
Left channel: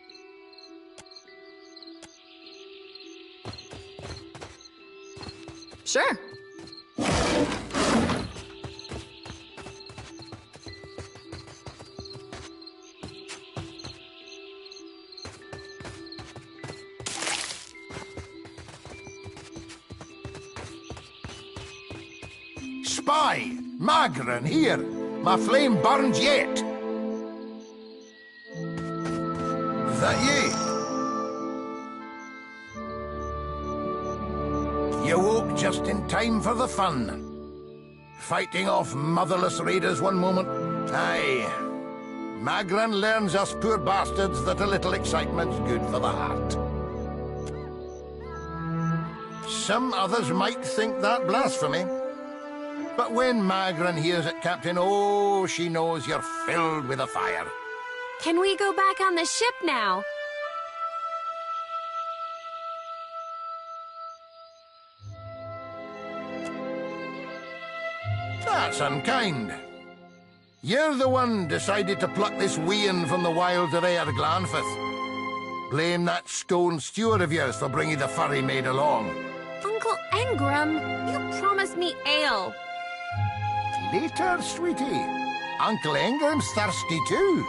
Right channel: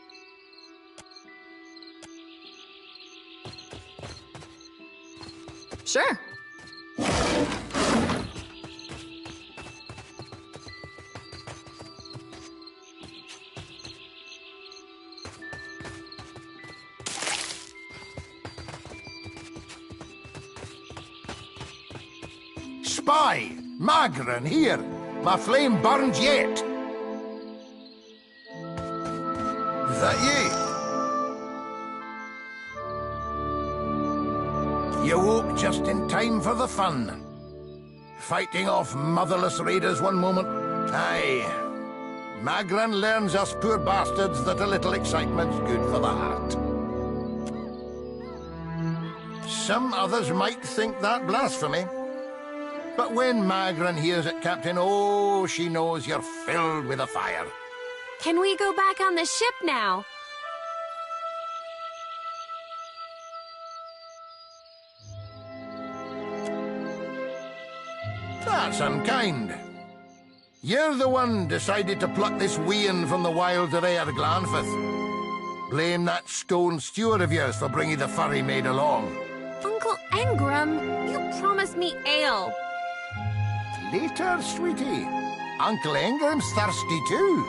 Sure. Spy! Magran, here! My flame burns yet! Is that you? You woke just in time for the fun. Fighting off motherless raiders one moment. Aye. Magran learns us poor bastards that a little excitement's good for the heart. Some others might think that blasphemy. But when Magran hears it, Captain, oh, she knows you're filled with a fire. Can we go back on the ship now? That's unkind. You're the one decided to pluck this wean from the wilds of Aer Glanfith. Blame that stone steward of yours for bringing the furry maid along. Uncle Engram, you promised me ale. Later, sweetie. Uncle Engram's thirsty too.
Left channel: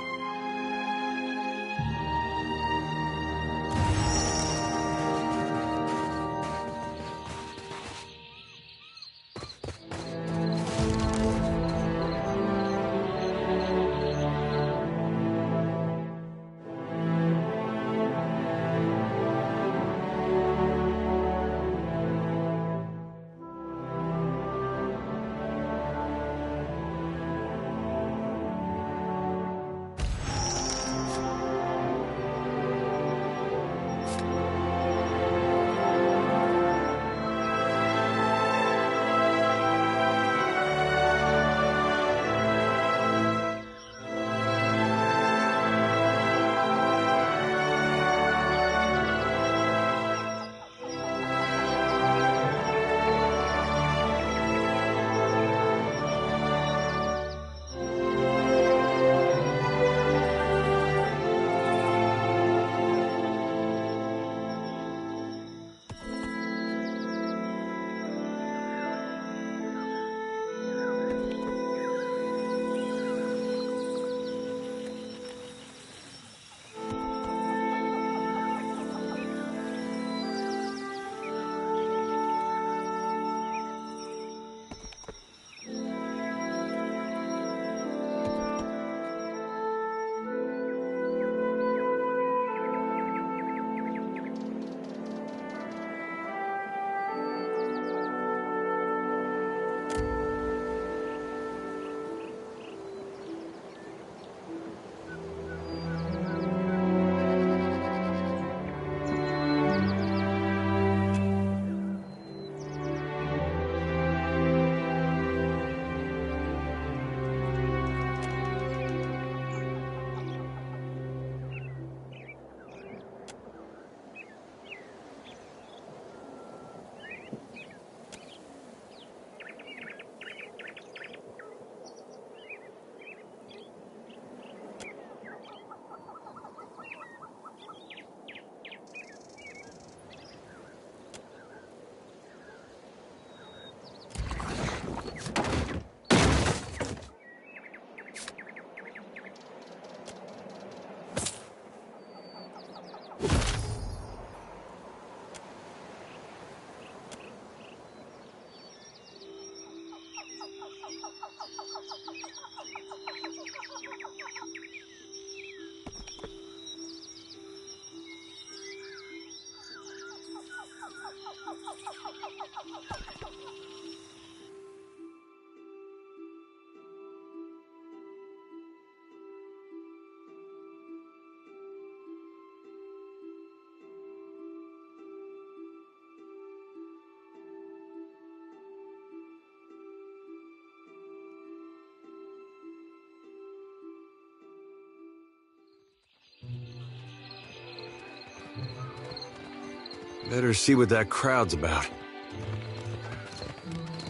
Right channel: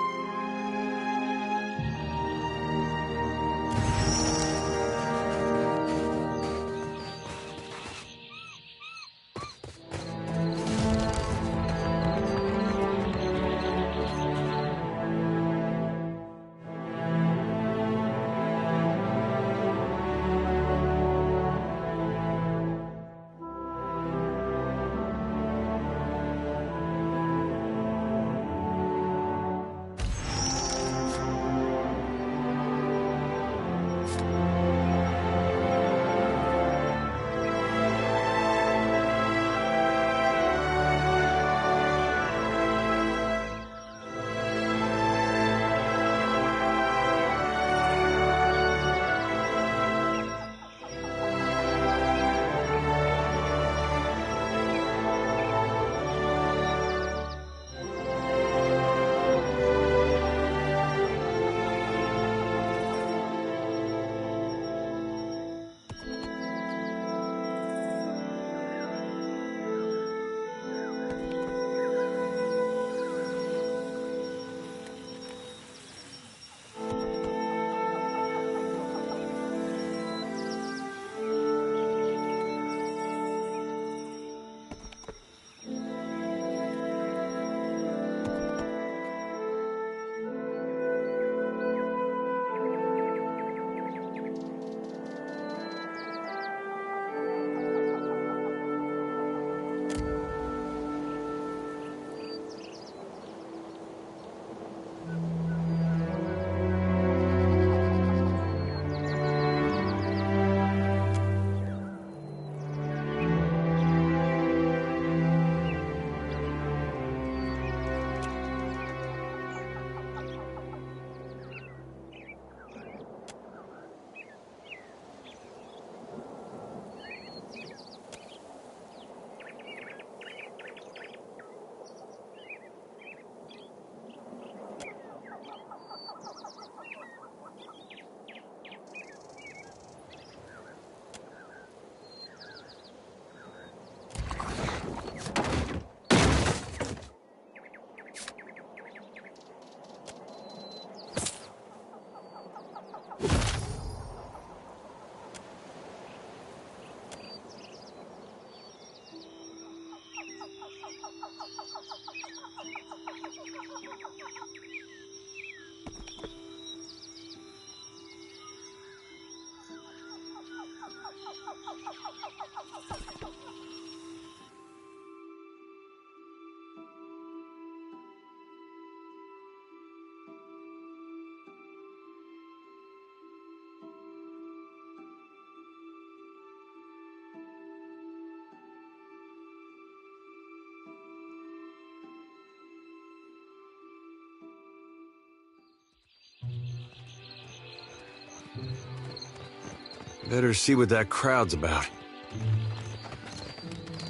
Better see what that crowd's about.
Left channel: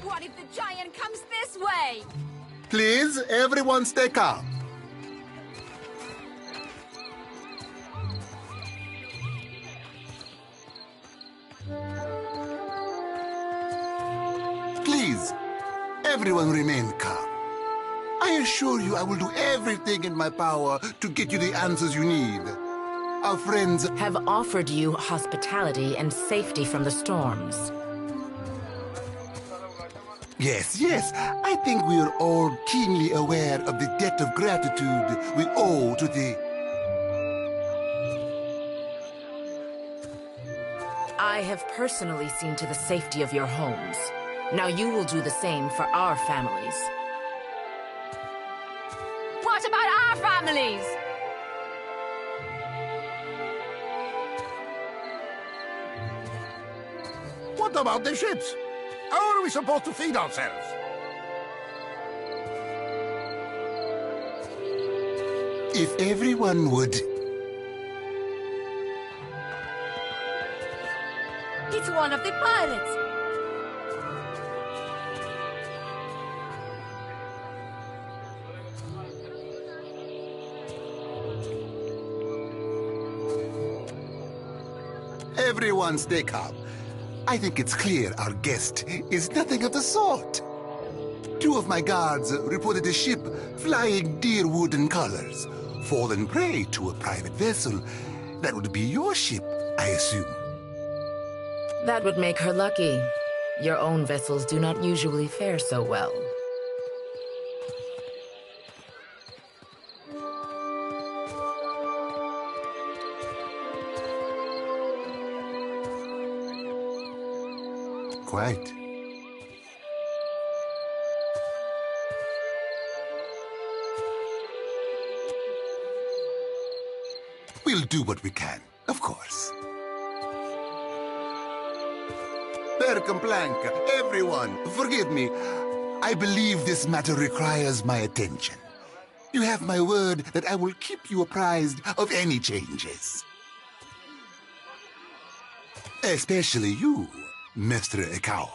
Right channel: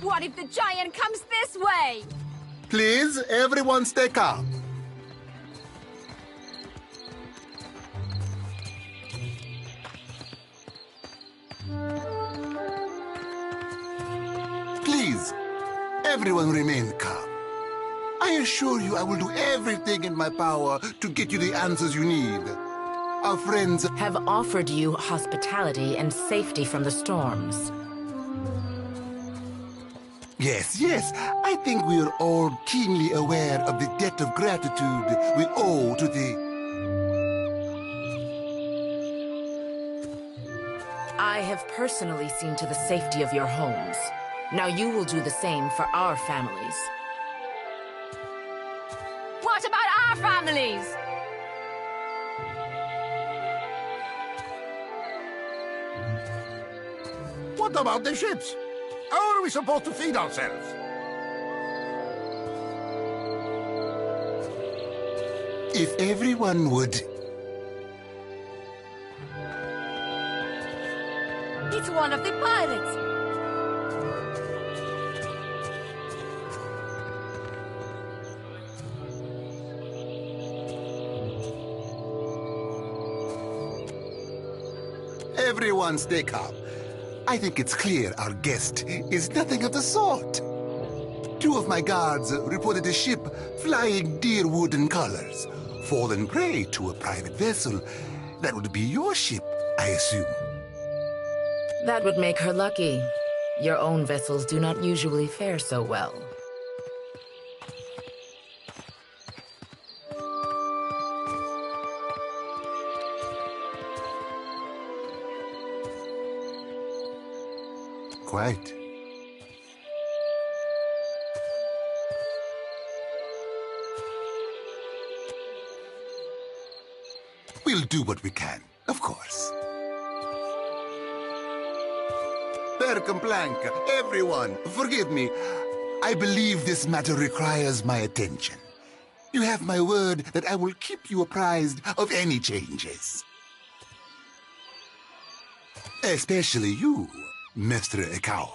What if the giant comes this way? Please, everyone stay calm. Please, everyone remain calm. I assure you I will do everything in my power to get you the answers you need. Our friends have offered you hospitality and safety from the storms. Yes, yes. I think we are all keenly aware of the debt of gratitude we owe to the... I have personally seen to the safety of your homes. Now you will do the same for our families. What about our families? What about the ships? How are we supposed to feed ourselves? If everyone would... It's one of the pirates! Everyone stay calm. I think it's clear our guest is nothing of the sort. 2 of my guards reported a ship flying deer wooden colors, fallen prey to a private vessel. That would be your ship, I assume. That would make her lucky. Your own vessels do not usually fare so well. Quite. We'll do what we can, of course. Percamblanca, everyone, forgive me. I believe this matter requires my attention. You have my word that I will keep you apprised of any changes. Especially you, Mr. Ikawa.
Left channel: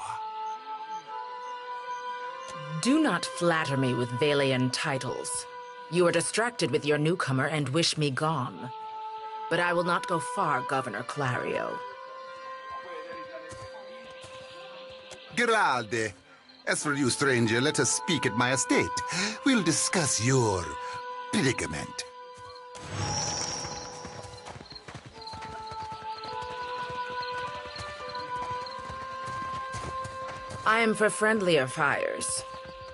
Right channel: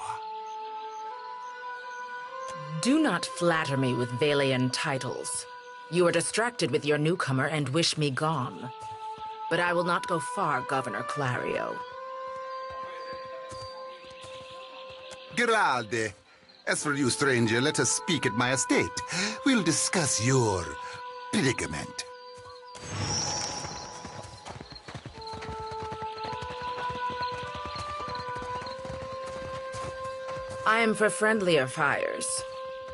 Do not flatter me with Vailian titles. You are distracted with your newcomer and wish me gone. But I will not go far, Governor Clario. Geralde. As for you, stranger, let us speak at my estate. We'll discuss your predicament. I am for friendlier fires.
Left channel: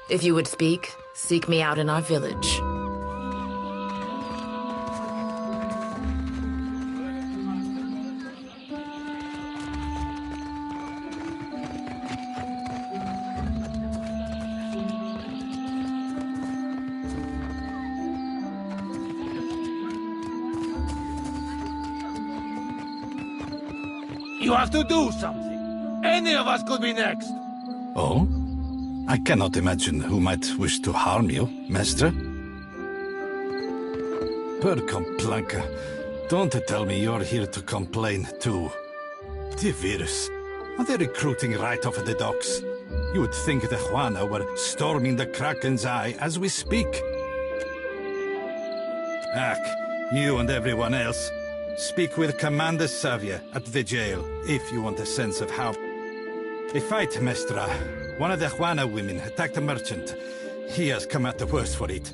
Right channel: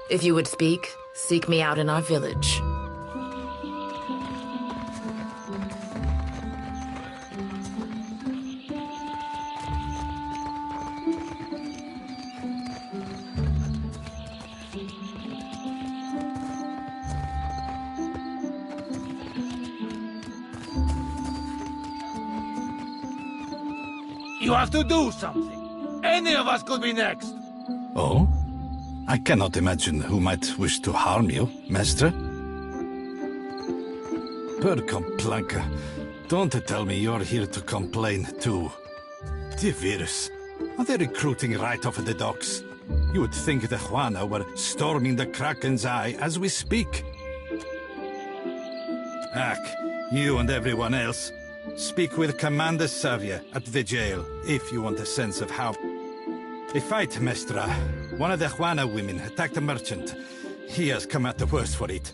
If you would speak, seek me out in our village. You have to do something. Any of us could be next. Oh? I cannot imagine who might wish to harm you, Master. Percamblanca, don't tell me you're here to complain too. Tivirus, are they recruiting right off the docks? You would think the Juana were storming the Kraken's Eye as we speak. Ack, you and everyone else. Speak with Commander Savia at the jail, if you want a sense of how... A fight, Mestra. One of the Juana women attacked a merchant. He has come out the worse for it.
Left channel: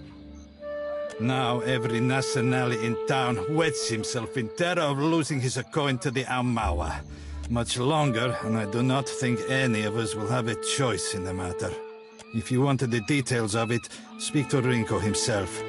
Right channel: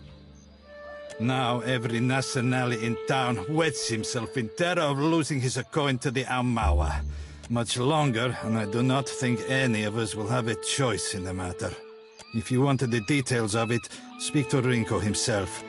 Now every Nacional in town wets himself in terror of losing his coin to the Aumaua. Much longer, and I do not think any of us will have a choice in the matter. If you wanted the details of it, speak to Rinko himself.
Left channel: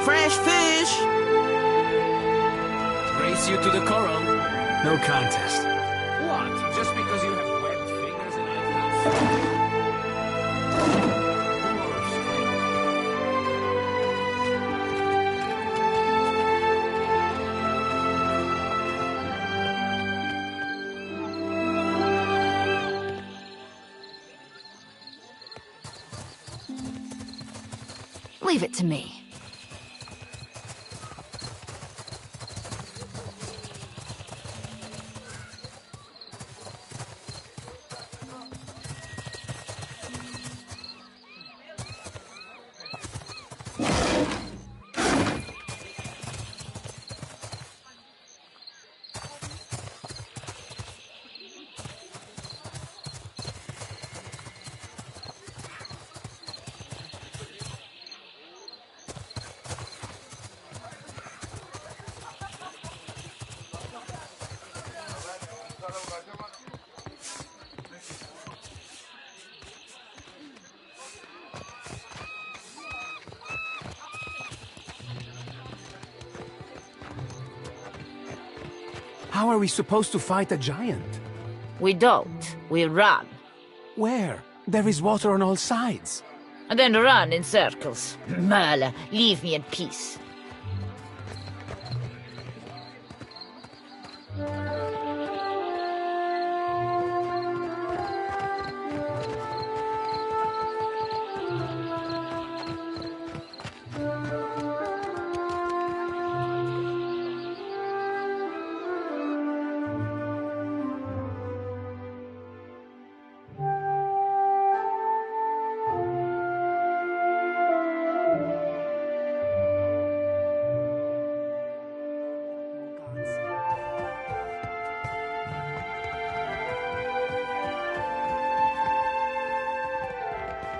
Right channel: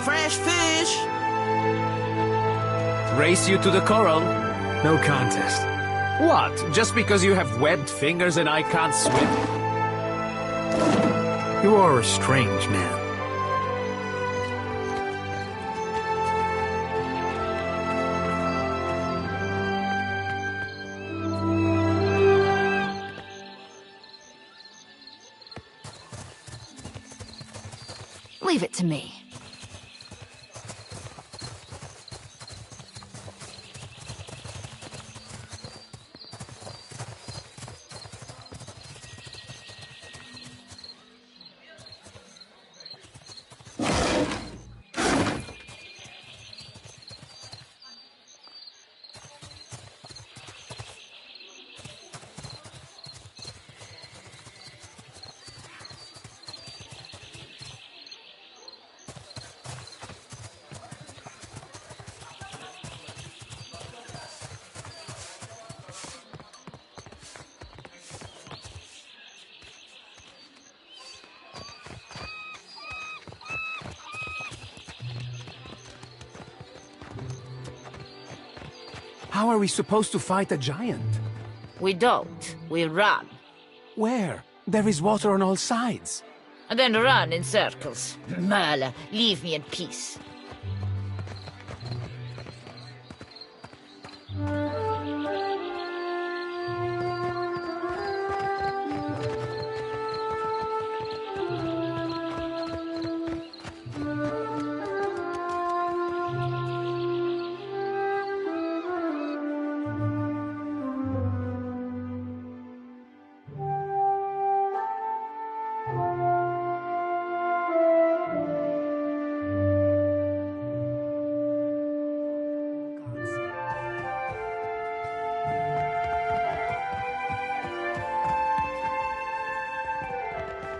Fresh fish! Race you to the coral? No contest. What? Just because you have webbed fingers and I can't swim? You are a strange man. Leave it to me. How are we supposed to fight a giant? We don't. We run. Where? There is water on all sides. And then run in circles. Merle, leave me in peace.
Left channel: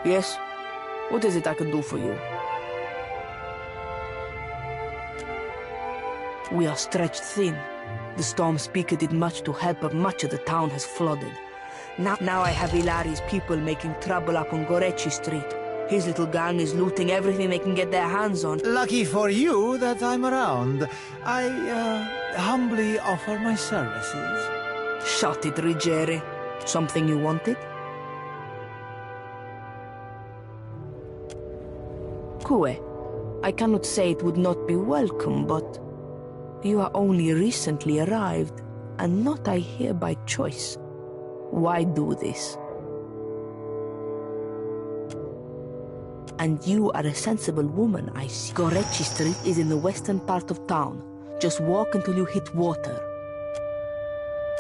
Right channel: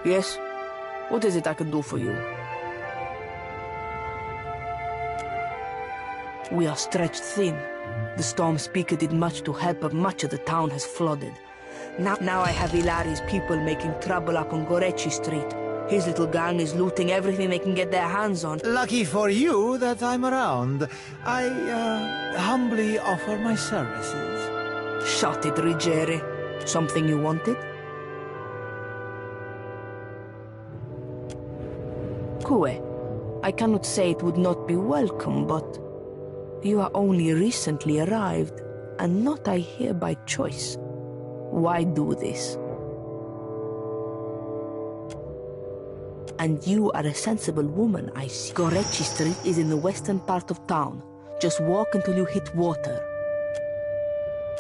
Yes? What is it I can do for you? We are stretched thin. The storm speaker did much to help, but much of the town has flooded. Now I have Ilari's people making trouble up on Gorechi Street. His little gang is looting everything they can get their hands on. Lucky for you that I'm around. I, humbly offer my services. Shut it, Ruggieri. Something you wanted? Kue, I cannot say it would not be welcome, but you are only recently arrived, and not I here by choice. Why do this? And you are a sensible woman, I see. Gorechi Street is in the western part of town. Just walk until you hit water.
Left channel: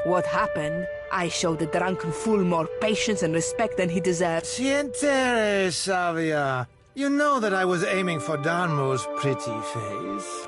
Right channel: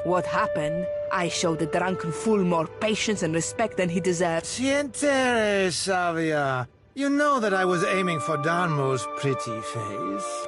What happened? I showed the drunken fool more patience and respect than he deserved. Sientere, Savia. You know that I was aiming for Darmo's pretty face.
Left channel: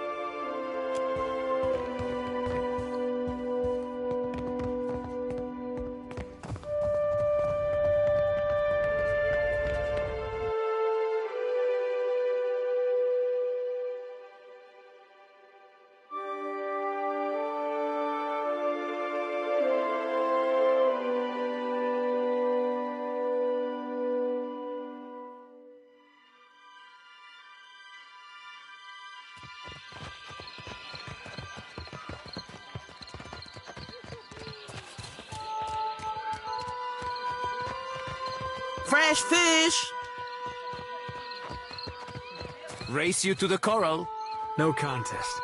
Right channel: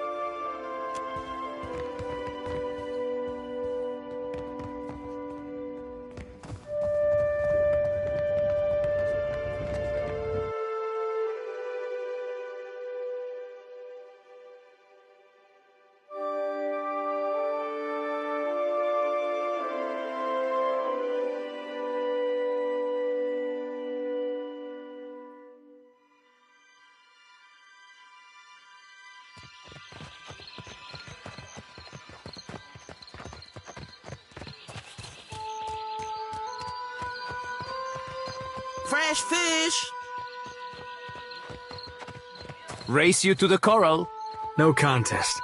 Fresh fish! Race you to the coral. No contest.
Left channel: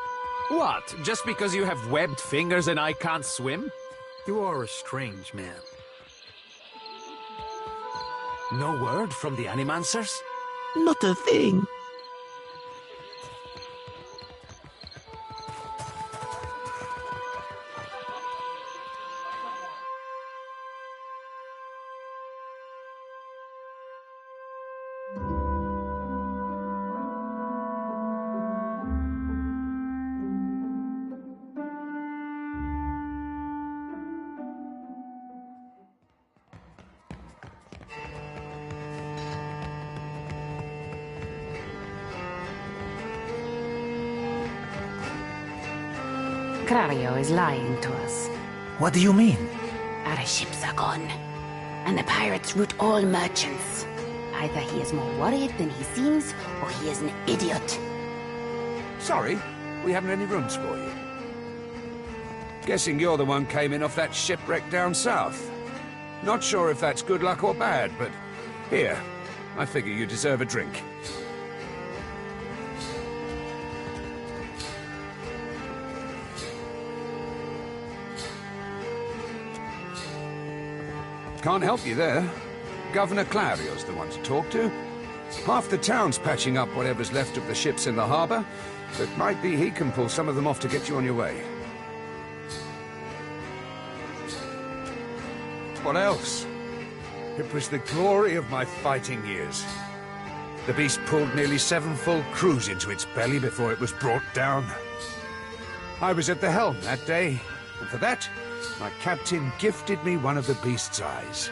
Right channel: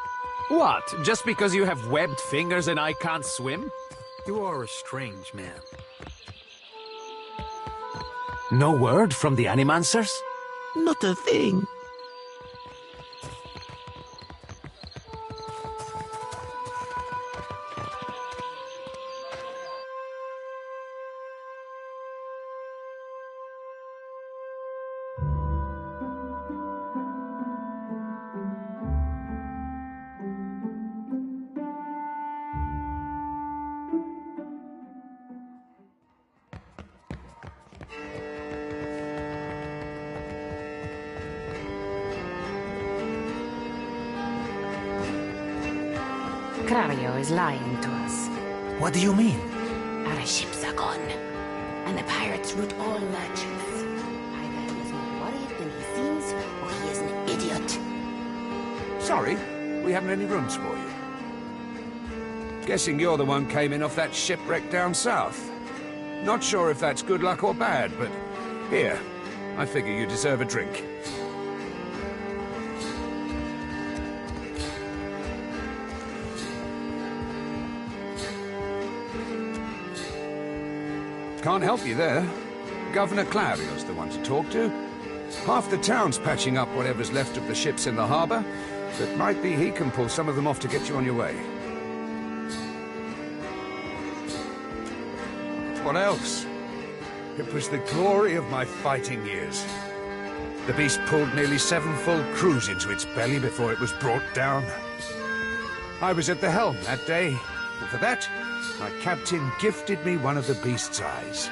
What? Just because you have webbed fingers and I can't swim? You are a strange man. No word from the Animancers? Not a thing. Krario is lying to us. What do you mean? Our ships are gone, and the pirates root all merchants. Either he is more worried than he seems, or he is an idiot. Sorry, we haven't any rooms for you. Guessing you're the one came in off that shipwreck down south. Not sure if that's good luck or bad, but here, I figure you deserve a drink. Can't help you there. Governor Clario's the one to talk to. Half the town's patching up whatever's left of the ships in the harbor, but might be he can pull some of them off to get you on your way. What else? It was the glory of my fighting years. The beast pulled nearly 7 full crews into its belly before it was brought down. I was at the helm that day, and for that, my captain gifted me one of the beast's eyes.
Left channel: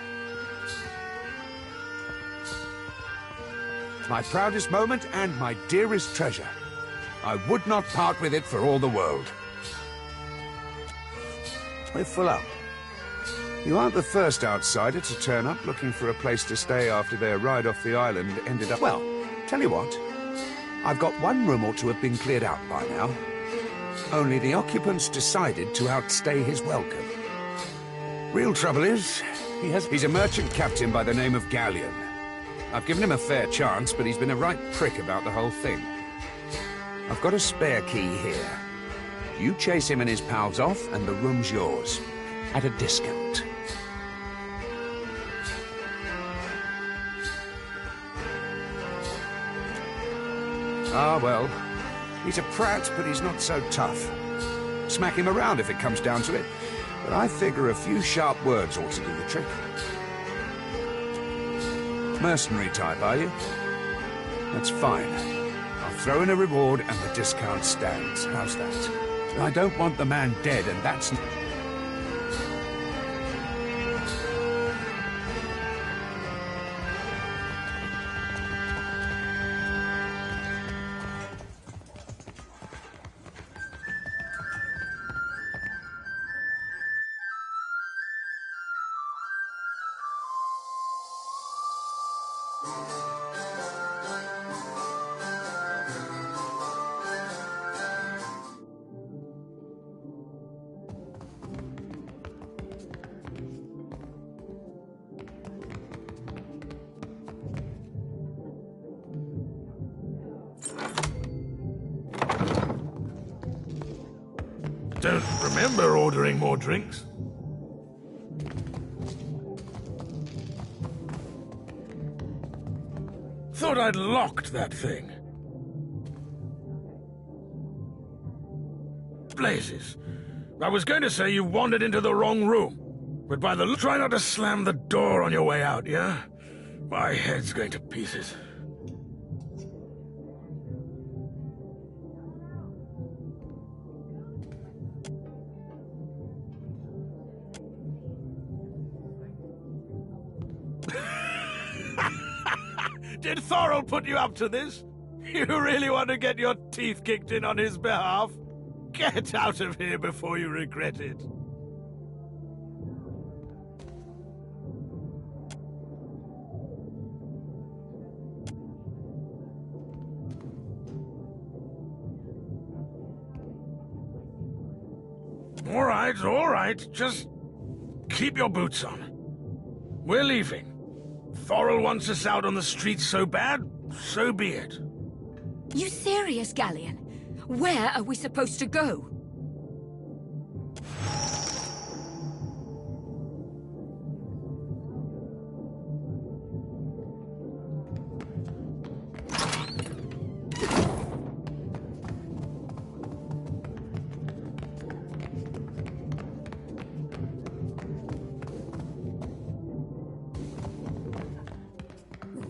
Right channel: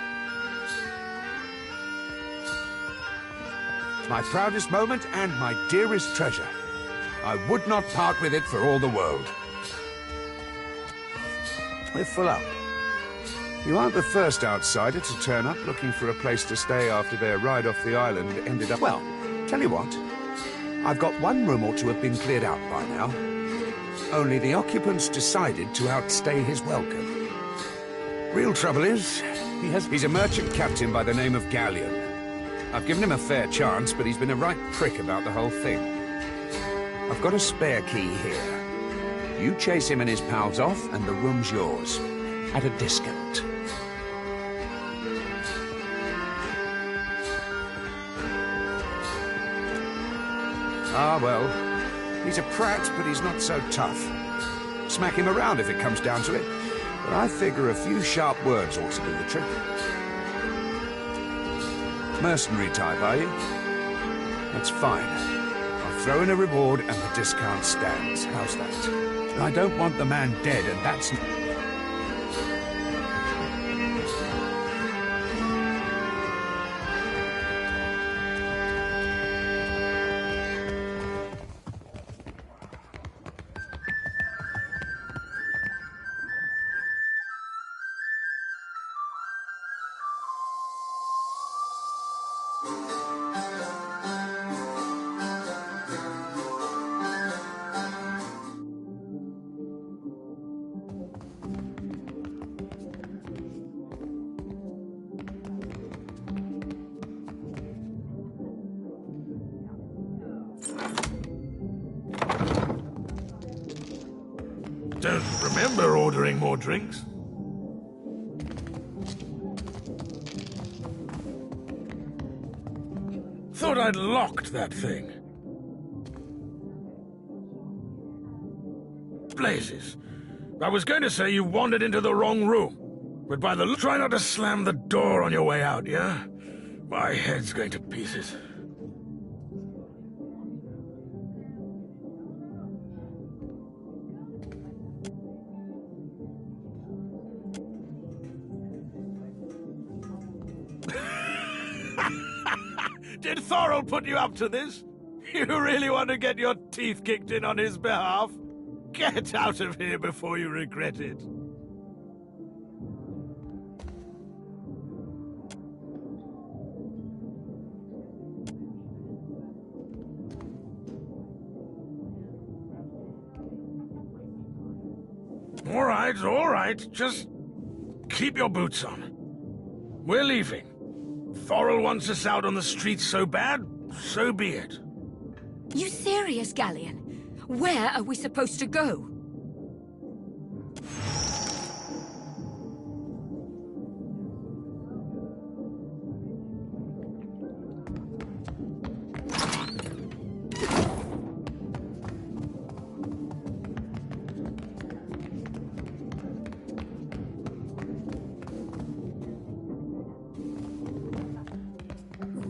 My proudest moment and my dearest treasure. I would not part with it for all the world. We're full up. You aren't the first outsider to turn up looking for a place to stay after their ride off the island ended up... Well, tell you what. I've got one room or two have been cleared out by now. Only the occupants decided to outstay his welcome. Real trouble is, he's a merchant captain by the name of Galleon. I've given him a fair chance, but he's been a right prick about the whole thing. I've got a spare key here. You chase him and his pals off, and the room's yours. At a discount. Ah, well. He's a prat, but he's not so tough. Smack him around if it comes down to it. But I figure a few sharp words ought to do the trick. Mercenary type, are you? That's fine. I'll throw in a reward and the discount stands. How's that? I don't want the man dead, and that's... Don't remember ordering more drinks. Thought I'd locked that thing. Blazes. I was going to say you wandered into the wrong room, but by the try not to slam the door on your way out, yeah? My head's going to pieces. Did Thorol put you up to this? You really want to get your teeth kicked in on his behalf? Get out of here before you regret it. All right. Just keep your boots on. We're leaving. Thorol wants us out on the streets so bad, so be it. You serious, Galleon? Where are we supposed to go?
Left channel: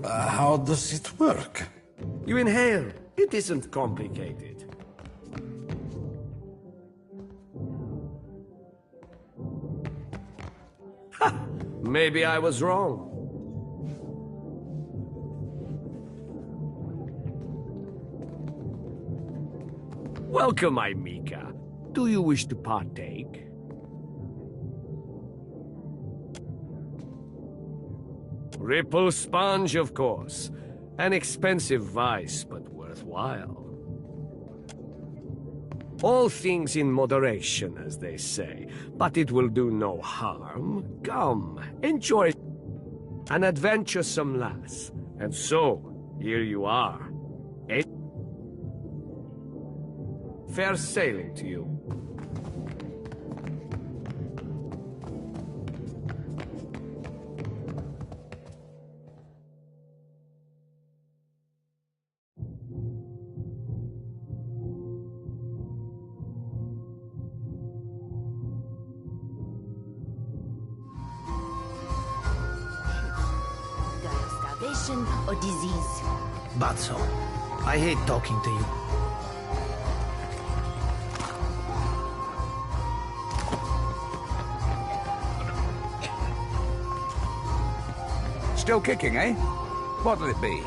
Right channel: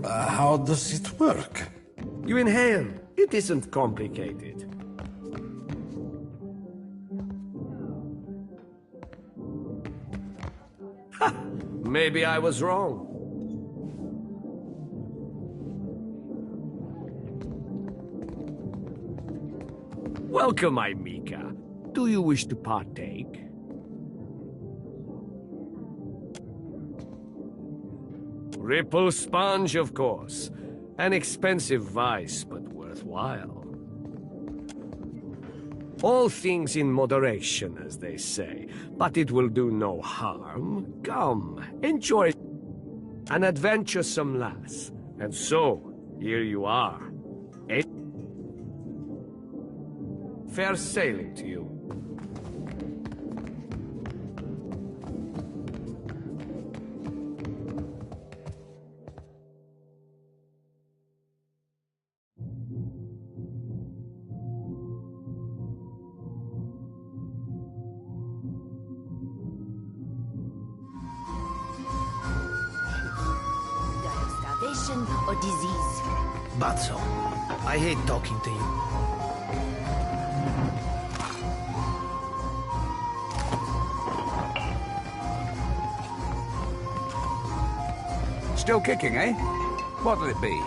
How does it work? You inhale. It isn't complicated. Ha! Maybe I was wrong. Welcome, Mika. Do you wish to partake? Ripple sponge, of course. An expensive vice, but worthwhile. All things in moderation, as they say, but it will do no harm. Come, enjoy an adventuresome lass. And so, here you are. Fair sailing to you. Or disease. Batso, I hate talking to you. Still kicking, eh? What'll it be?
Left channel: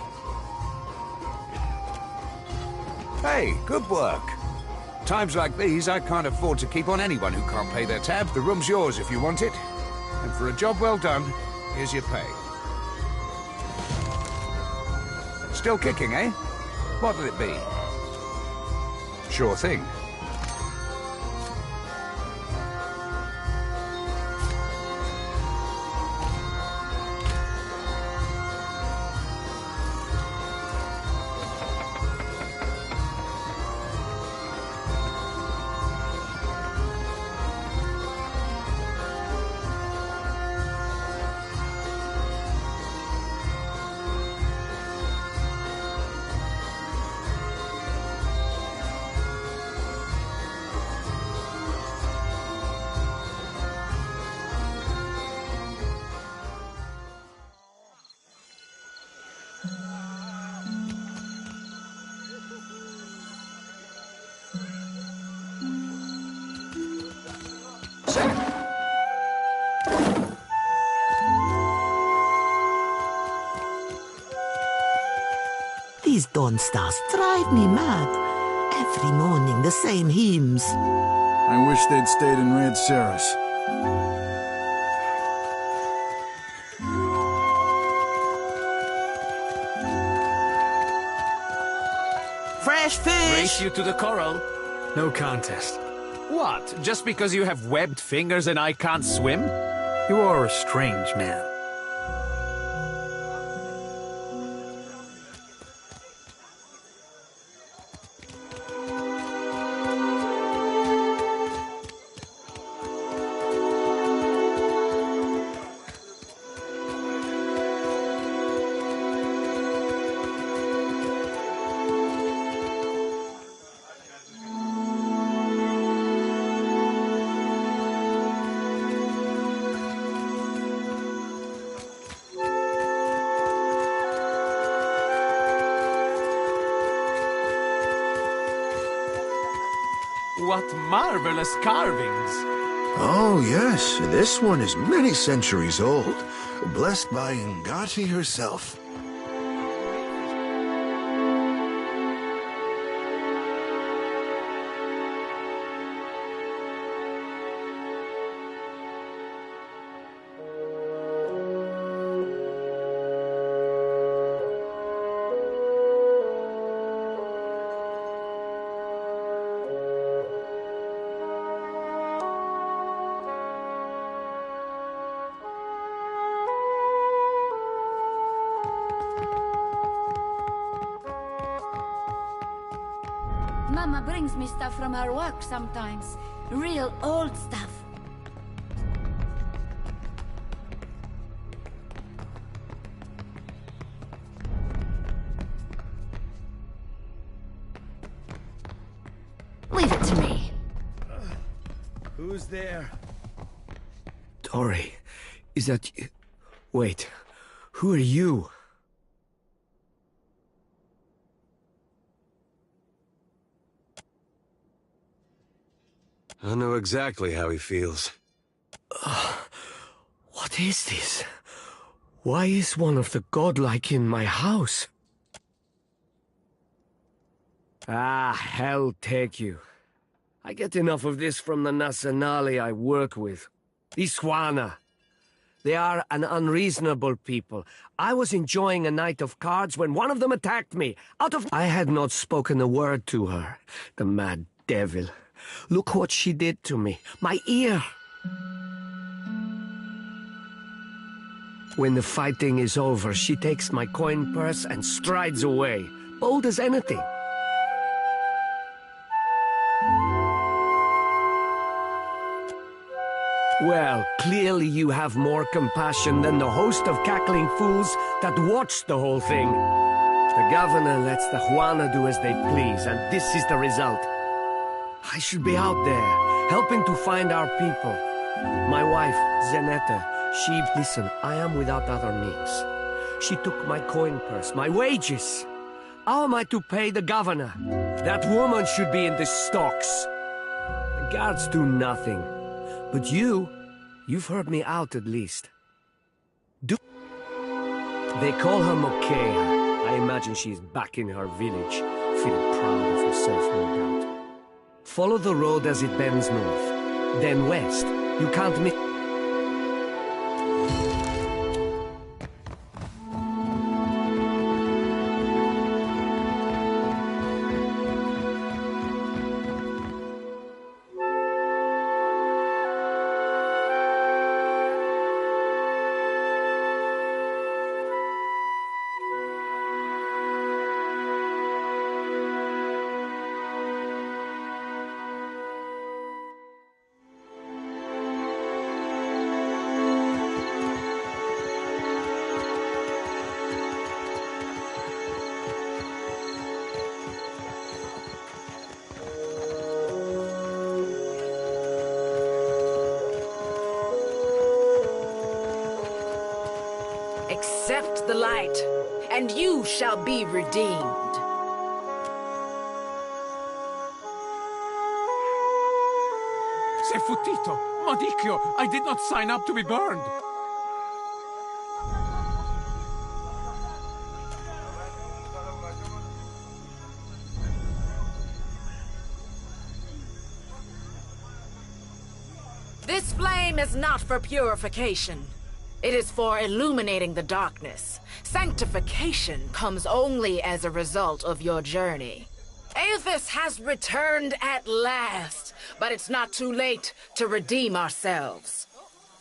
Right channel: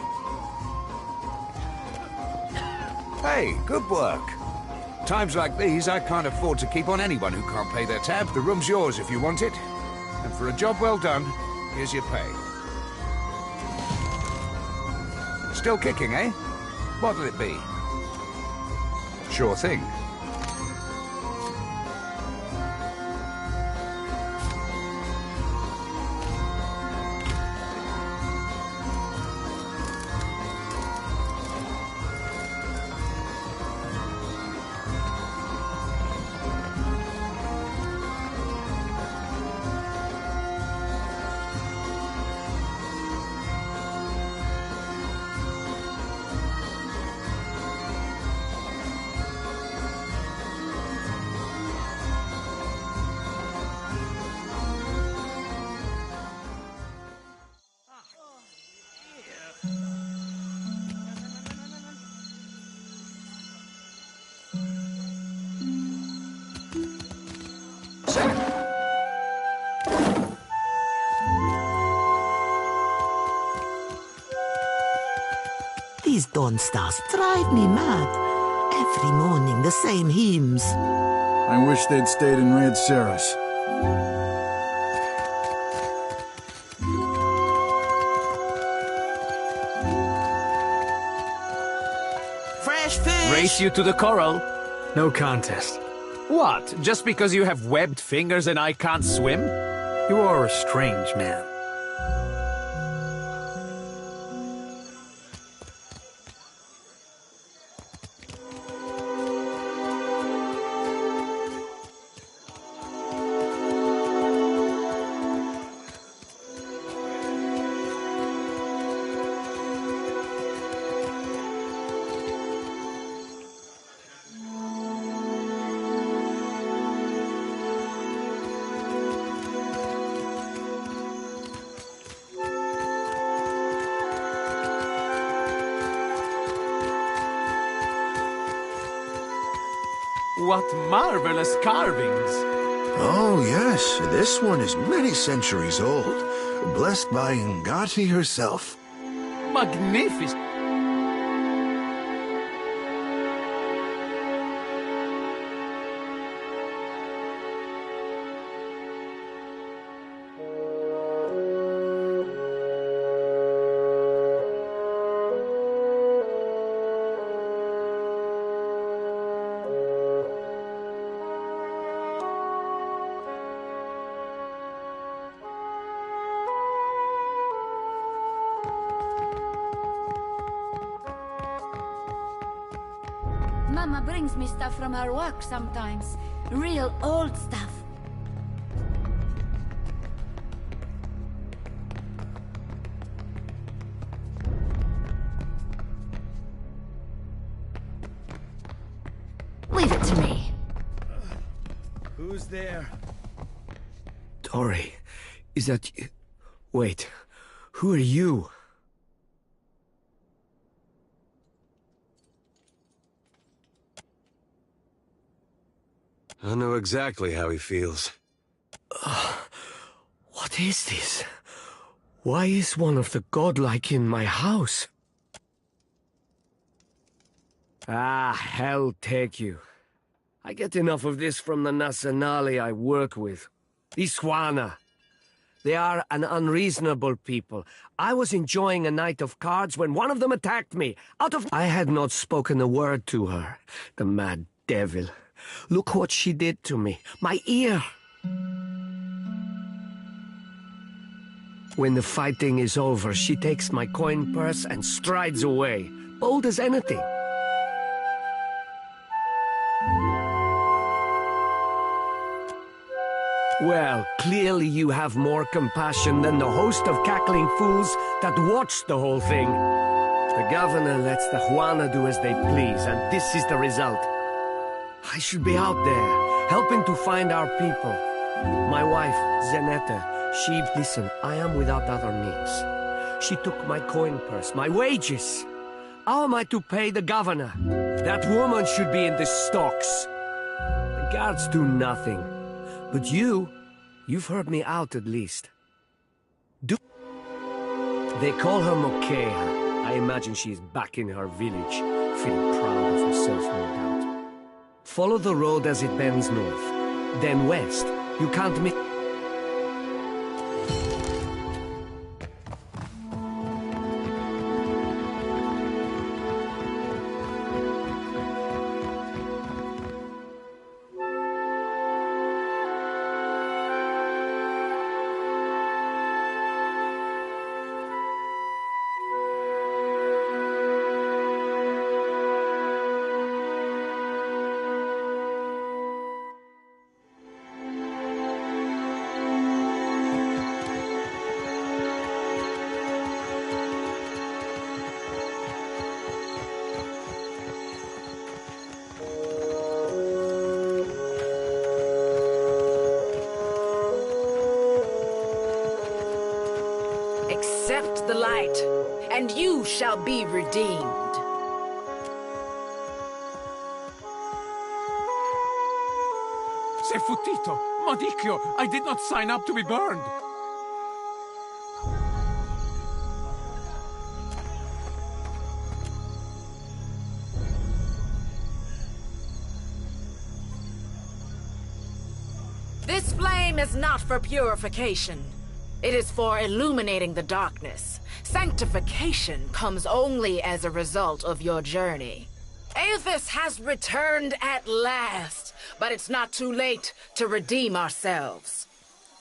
Hey, good work. Times like these, I can't afford to keep on anyone who can't pay their tab. The room's yours if you want it. And for a job well done, here's your pay. Still kicking, eh? What'll it be? Sure thing. These dawn stars drive me mad. Every morning, the same hymns. I wish they'd stayed in Red Ceres. Fresh fish! Race you to the coral? No contest. What? Just because you have webbed fingers and I can't swim? You are a strange man. What marvelous carvings! Oh, yes. This one is many centuries old. Blessed by Ngati herself. Magnificent! Mama brings me stuff from her work sometimes. Real old stuff. Leave it to me. Who's there? Tori, is that you? Wait, who are you? I know exactly how he feels. What is this? Why is one of the godlike in my house? Ah, hell take you. I get enough of this from the Nasanali I work with. Iswana. They are an unreasonable people. I was enjoying a night of cards when one of them attacked me. I had not spoken a word to her. The mad devil. Look what she did to me. My ear. When the fighting is over, she takes my coin purse and strides away, bold as anything. Well, clearly you have more compassion than the host of cackling fools that watched the whole thing. The governor lets the Huana do as they please, and this is the result. I should be out there, helping to find our people. My wife, Zeneta, she... Listen, I am without other means. She took my coin purse, my wages. How am I to pay the governor? That woman should be in the stocks. The guards do nothing. But you've heard me out at least. They call her Mokea. I imagine she is back in her village, feeling proud of herself, no doubt. Follow the road as it bends north, then west. You can't miss... Accept the light, and you shall be redeemed. Sei futtito! Modicchio! I did not sign up to be burned! This flame is not for purification. It is for illuminating the darkness. Sanctification comes only as a result of your journey. Aethys has returned at last, but it's not too late to redeem ourselves.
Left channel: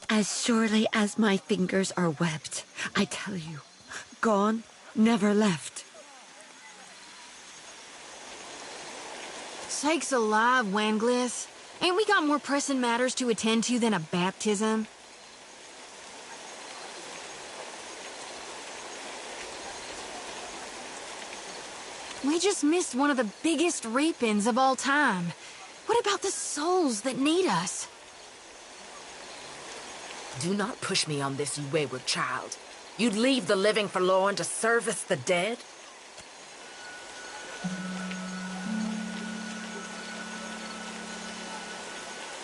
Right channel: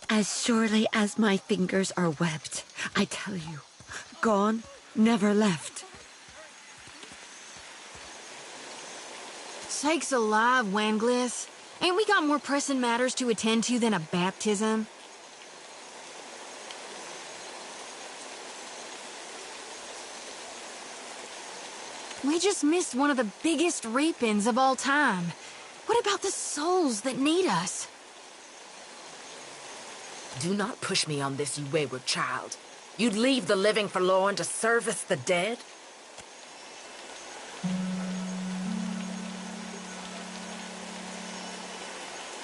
As surely as my fingers are webbed, I tell you, gone, never left. Sakes alive, Wanglith. Ain't we got more pressing matters to attend to than a baptism? We just missed one of the biggest reapings of all time. What about the souls that need us? Do not push me on this, you wayward child. You'd leave the living forlorn to service the dead?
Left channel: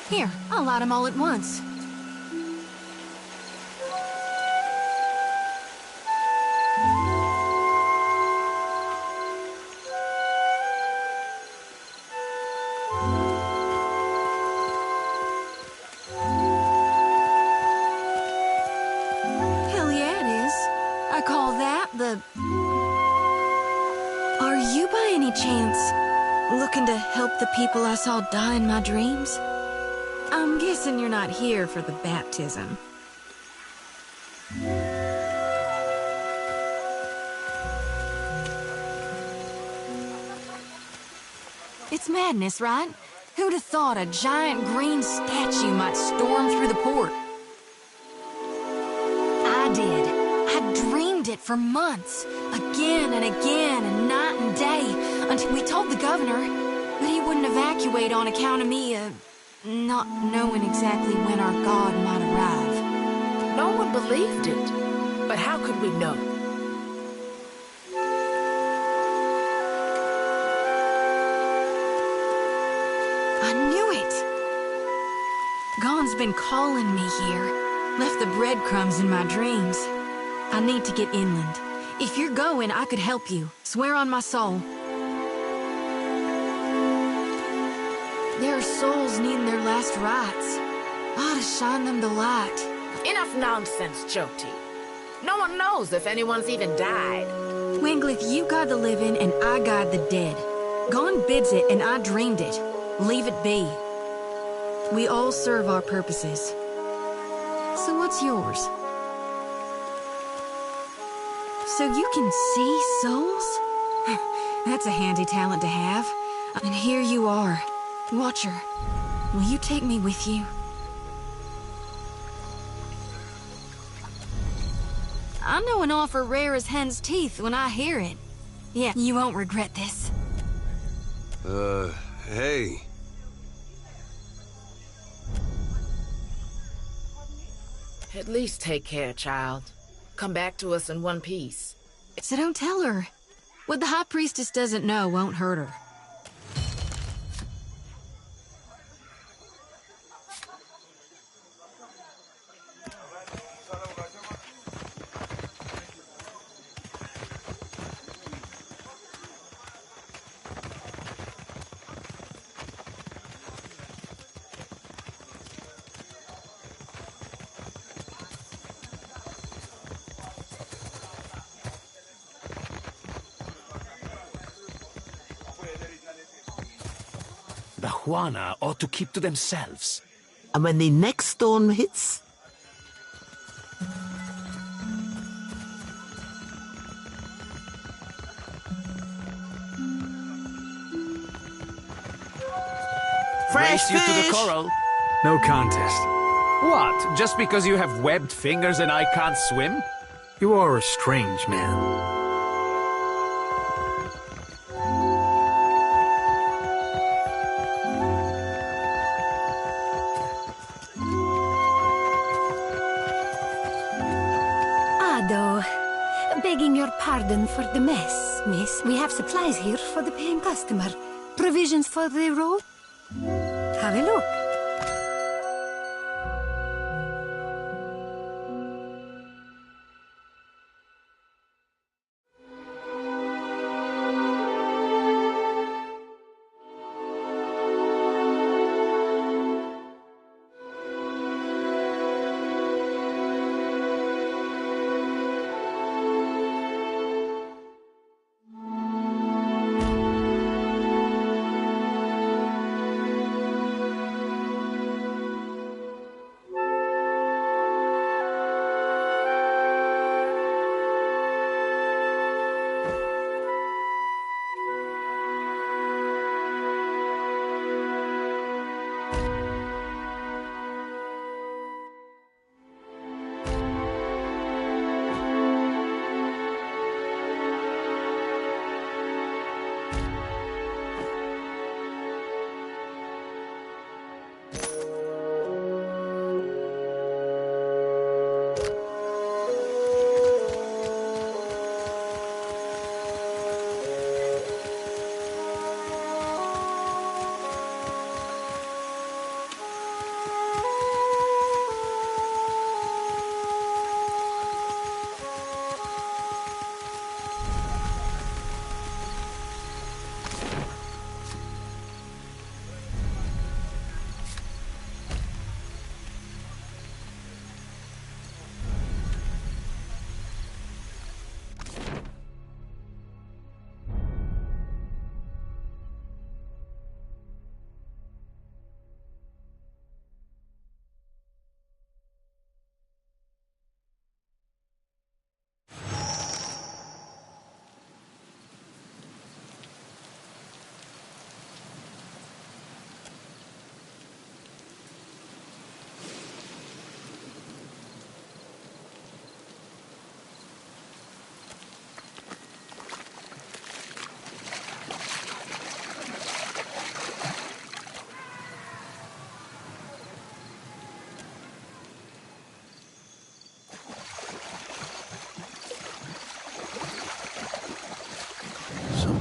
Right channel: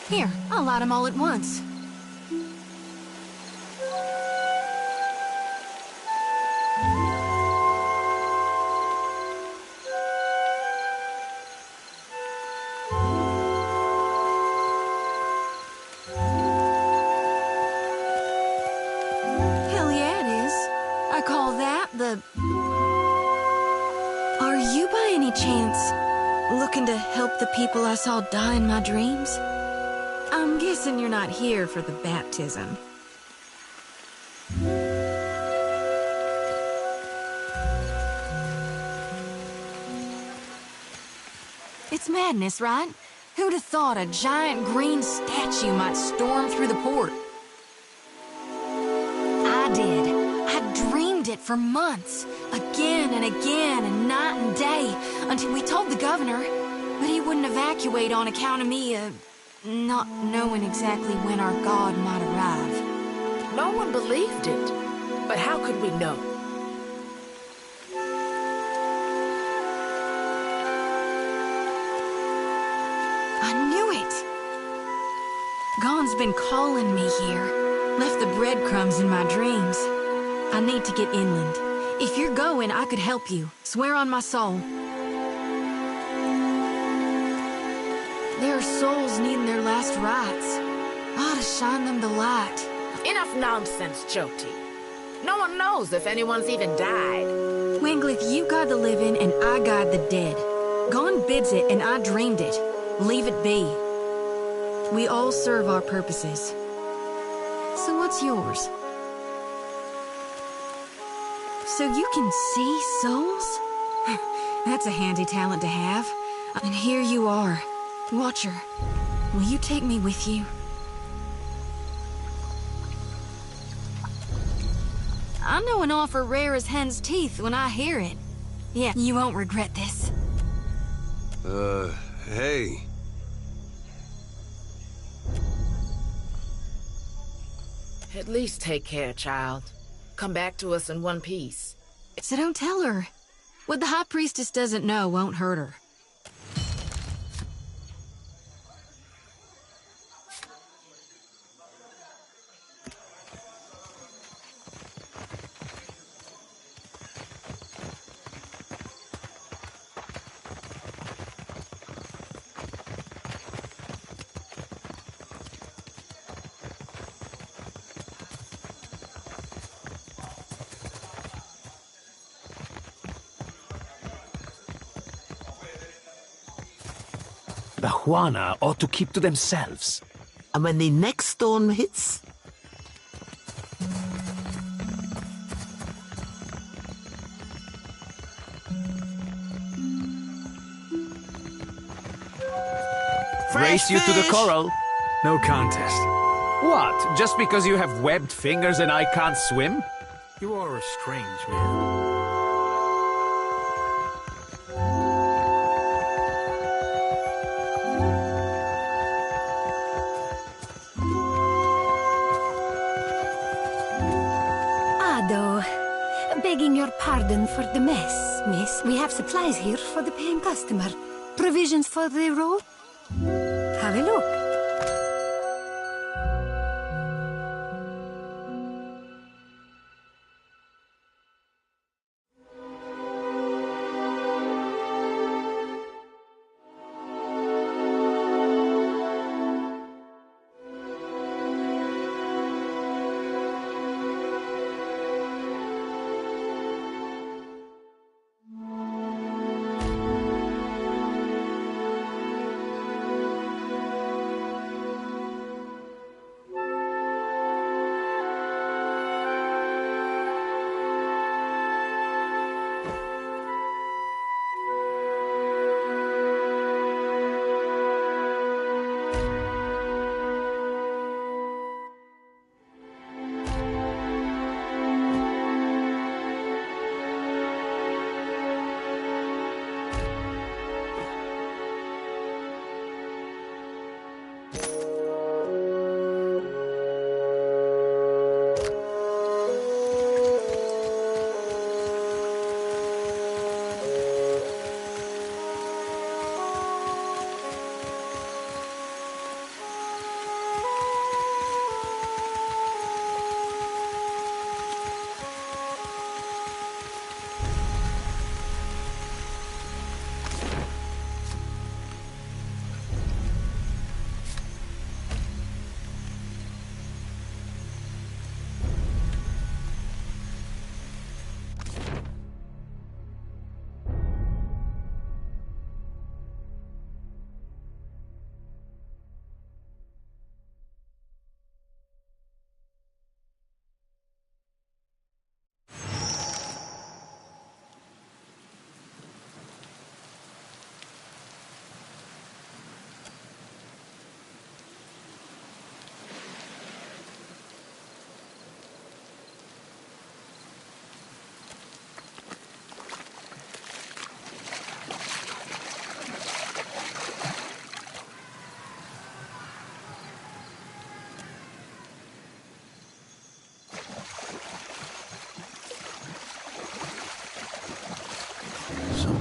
Here, I'll light them all at once. Hell yeah, it is. I call that the... Are you by any chance looking to help the people I saw die in my dreams? I'm guessing you're not here for the baptism. It's madness, right? Who'd have thought a giant green statue might storm through the port? I did. I dreamed it for months, again and again, and night and day, until we told the governor, but he wouldn't evacuate on account of me, not knowing exactly when our god might arrive. No one believed it. But how could we know? I knew it! Gon's been calling me here. Left the breadcrumbs in my dreams. I need to get inland. If you're going, I could help you. Swear on my soul. There are souls needing their last rites. I ought to shine them the light. Enough nonsense, Joti. No one knows if anyone's even died. Wanglith, you guide the living and I guide the dead. Gon bids it and I dreamed it. Leave it be. We all serve our purposes. So what's yours? So you can see souls? That's a handy talent to have. And here you are. Watcher, will you take me with you? I know an offer rare as hen's teeth when I hear it. Yeah, you won't regret this. Hey. At least take care, child. Come back to us in one piece. So don't tell her. What the High Priestess doesn't know won't hurt her. The Juana ought to keep to themselves. And when the next storm hits... Race you to the coral? No contest. What? Just because you have webbed fingers and I can't swim? You are a strange man. Begging your pardon for the mess, miss. We have supplies here for the paying customer. Provisions for the road? Have a look.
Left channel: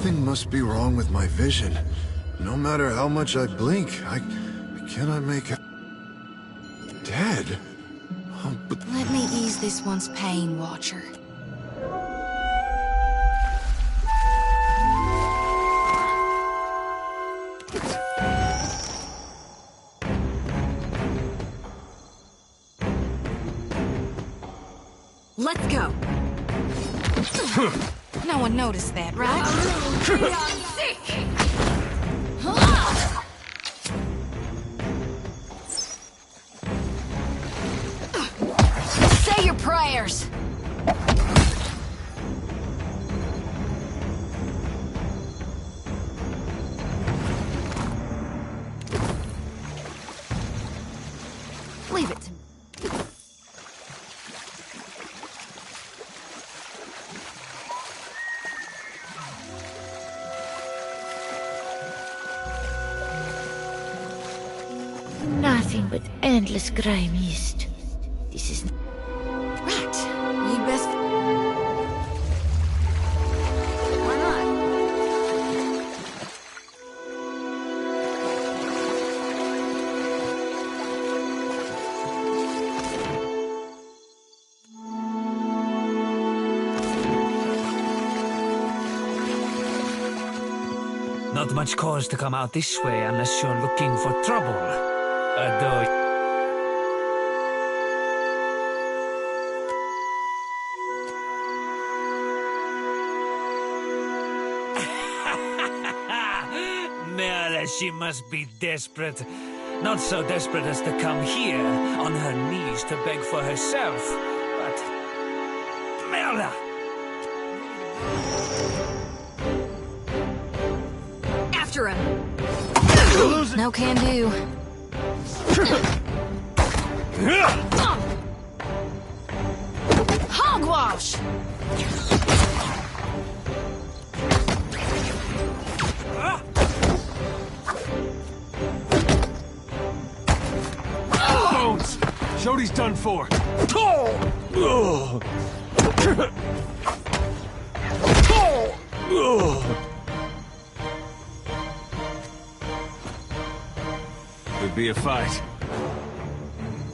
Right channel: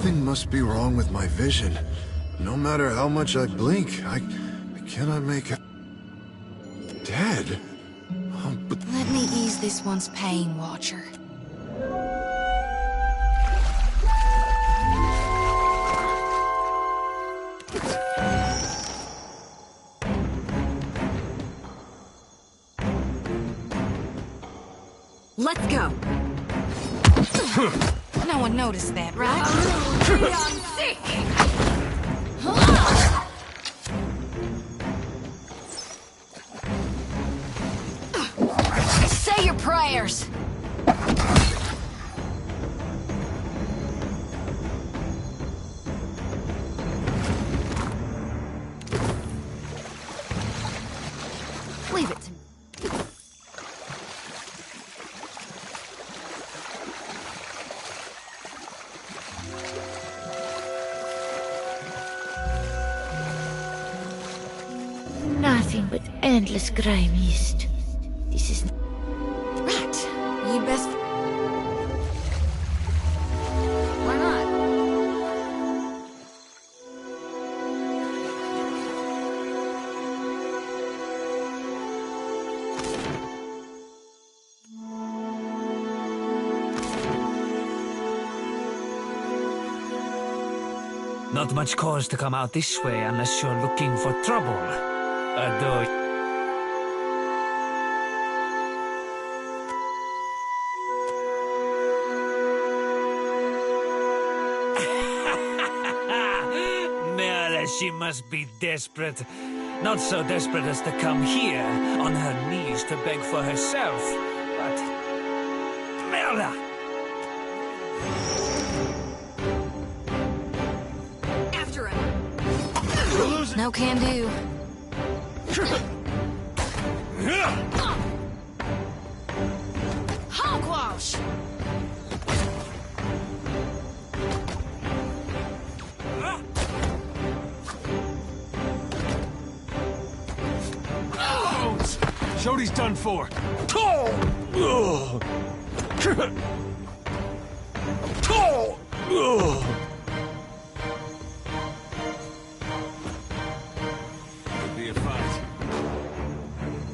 Something must be wrong with my vision. No matter how much I blink, I cannot make it. Dead? Oh, but... Let me ease this one's pain, Watcher. Let's go. No one noticed that, right? Say your prayers. Leave it to me. Nothing but endless grey mist. This is... Right. You'd best... Why not? Not much cause to come out this way unless you're looking for trouble. Though... Merla, she must be desperate. Not so desperate as to come here on her knees to beg for herself, but... Merla! After him. No can do. Hogwash! Bones! Jody's done for. Could be a fight.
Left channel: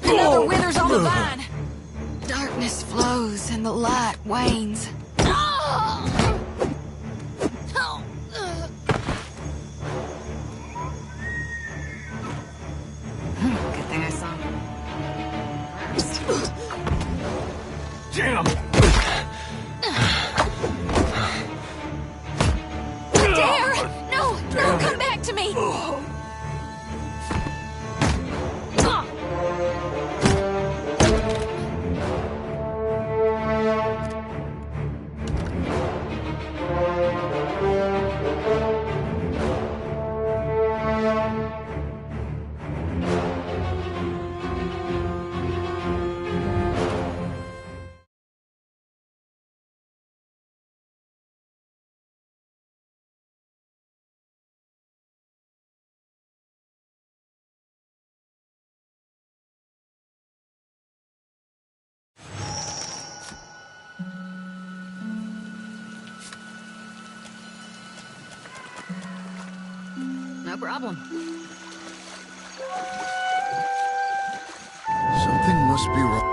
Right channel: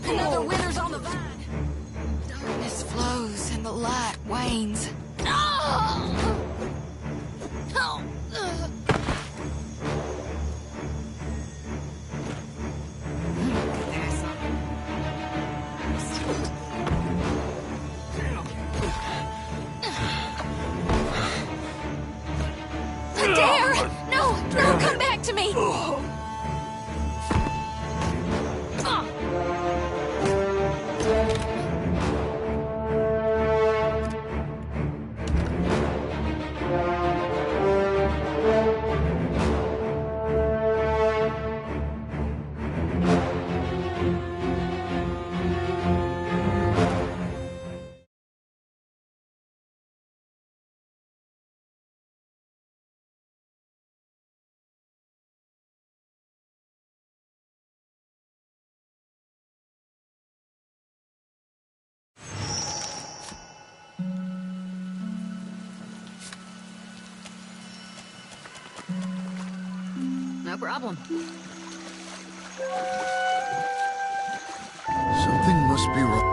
Another withers on the vine. Darkness flows and the light wanes. Get that son. Damn! Dare! No! No, come back to me! No problem. Something must be wrong.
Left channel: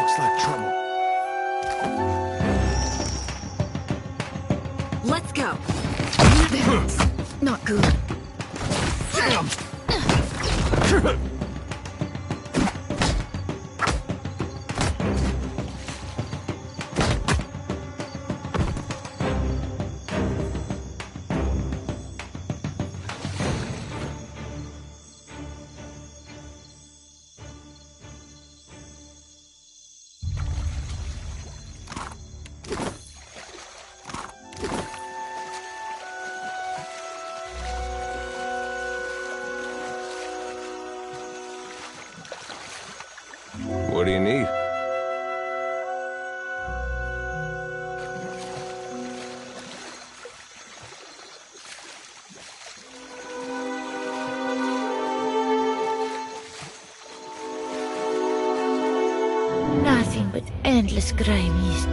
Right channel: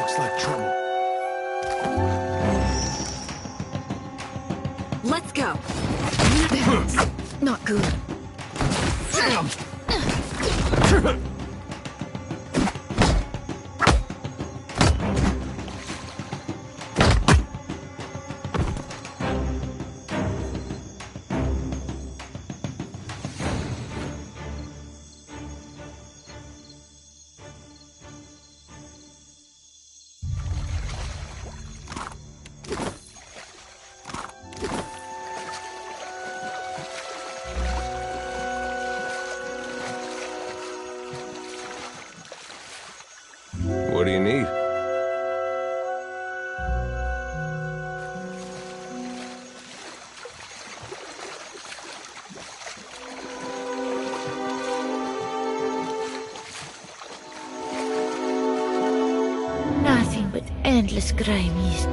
Looks like trouble. Let's go. That's not good. Damn! What do you need? Nothing but endless grime east.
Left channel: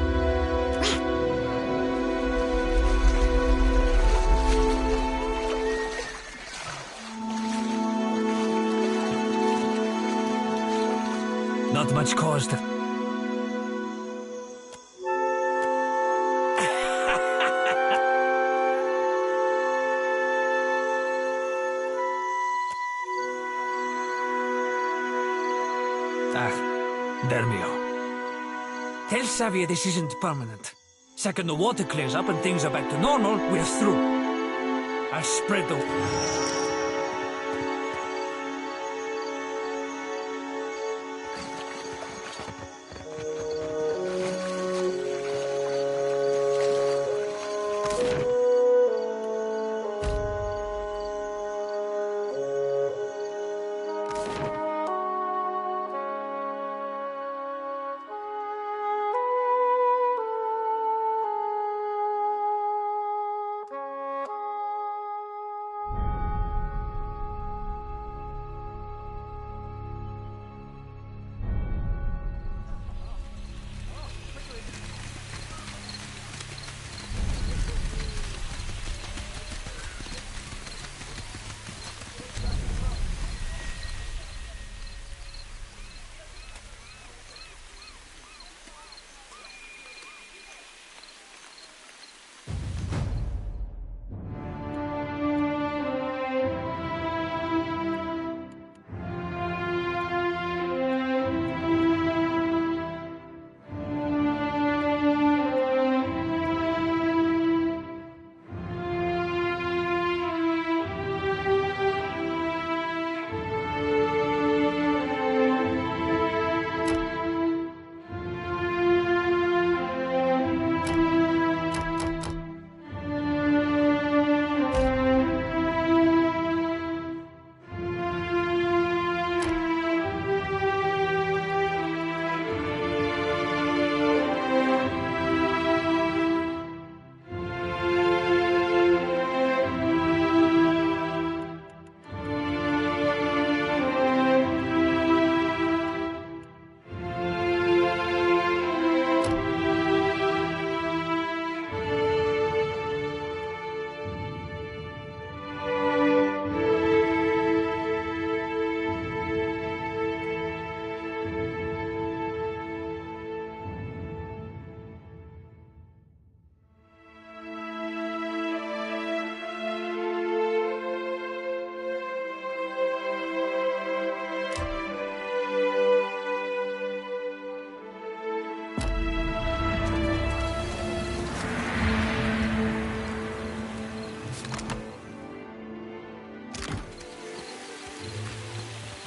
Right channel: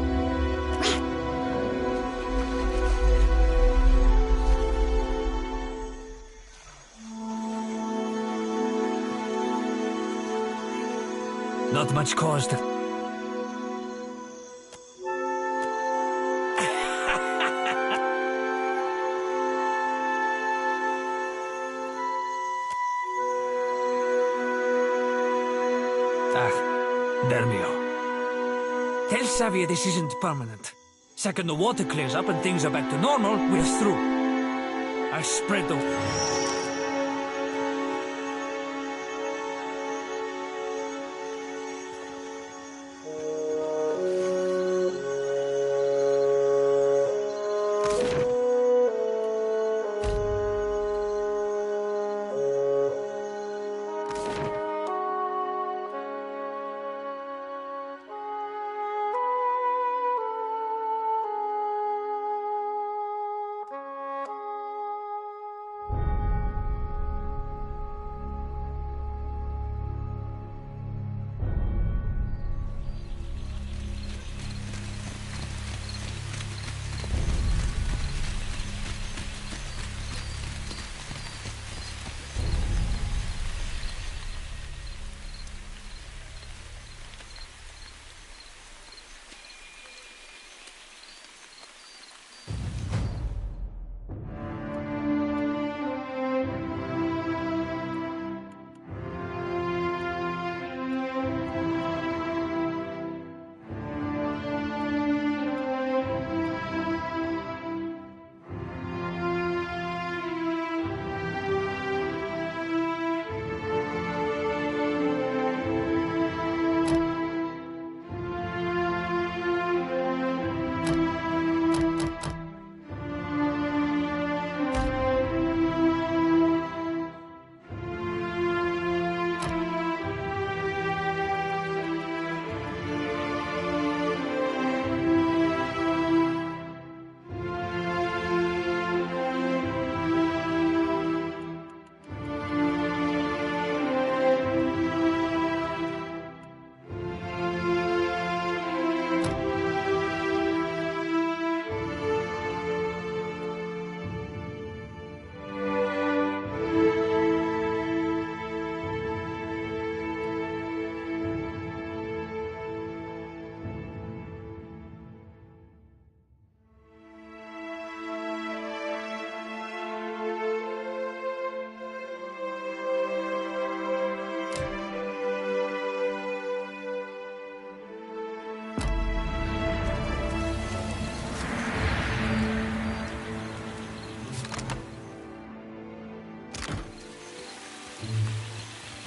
Not much cause to... Dermio. Tell Xavier this isn't permanent. Second the water clears up and things are back to normal, we're through. I'll spread the...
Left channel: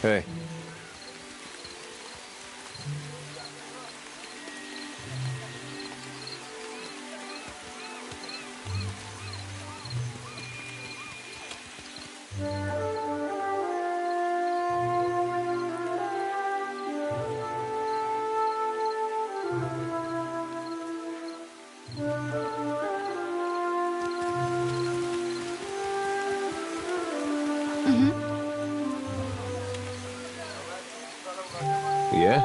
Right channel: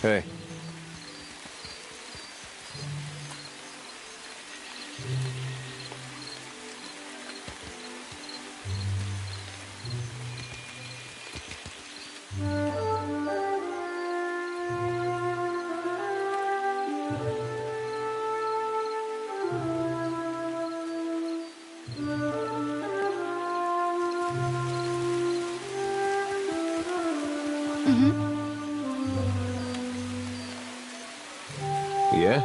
Hey. Yeah?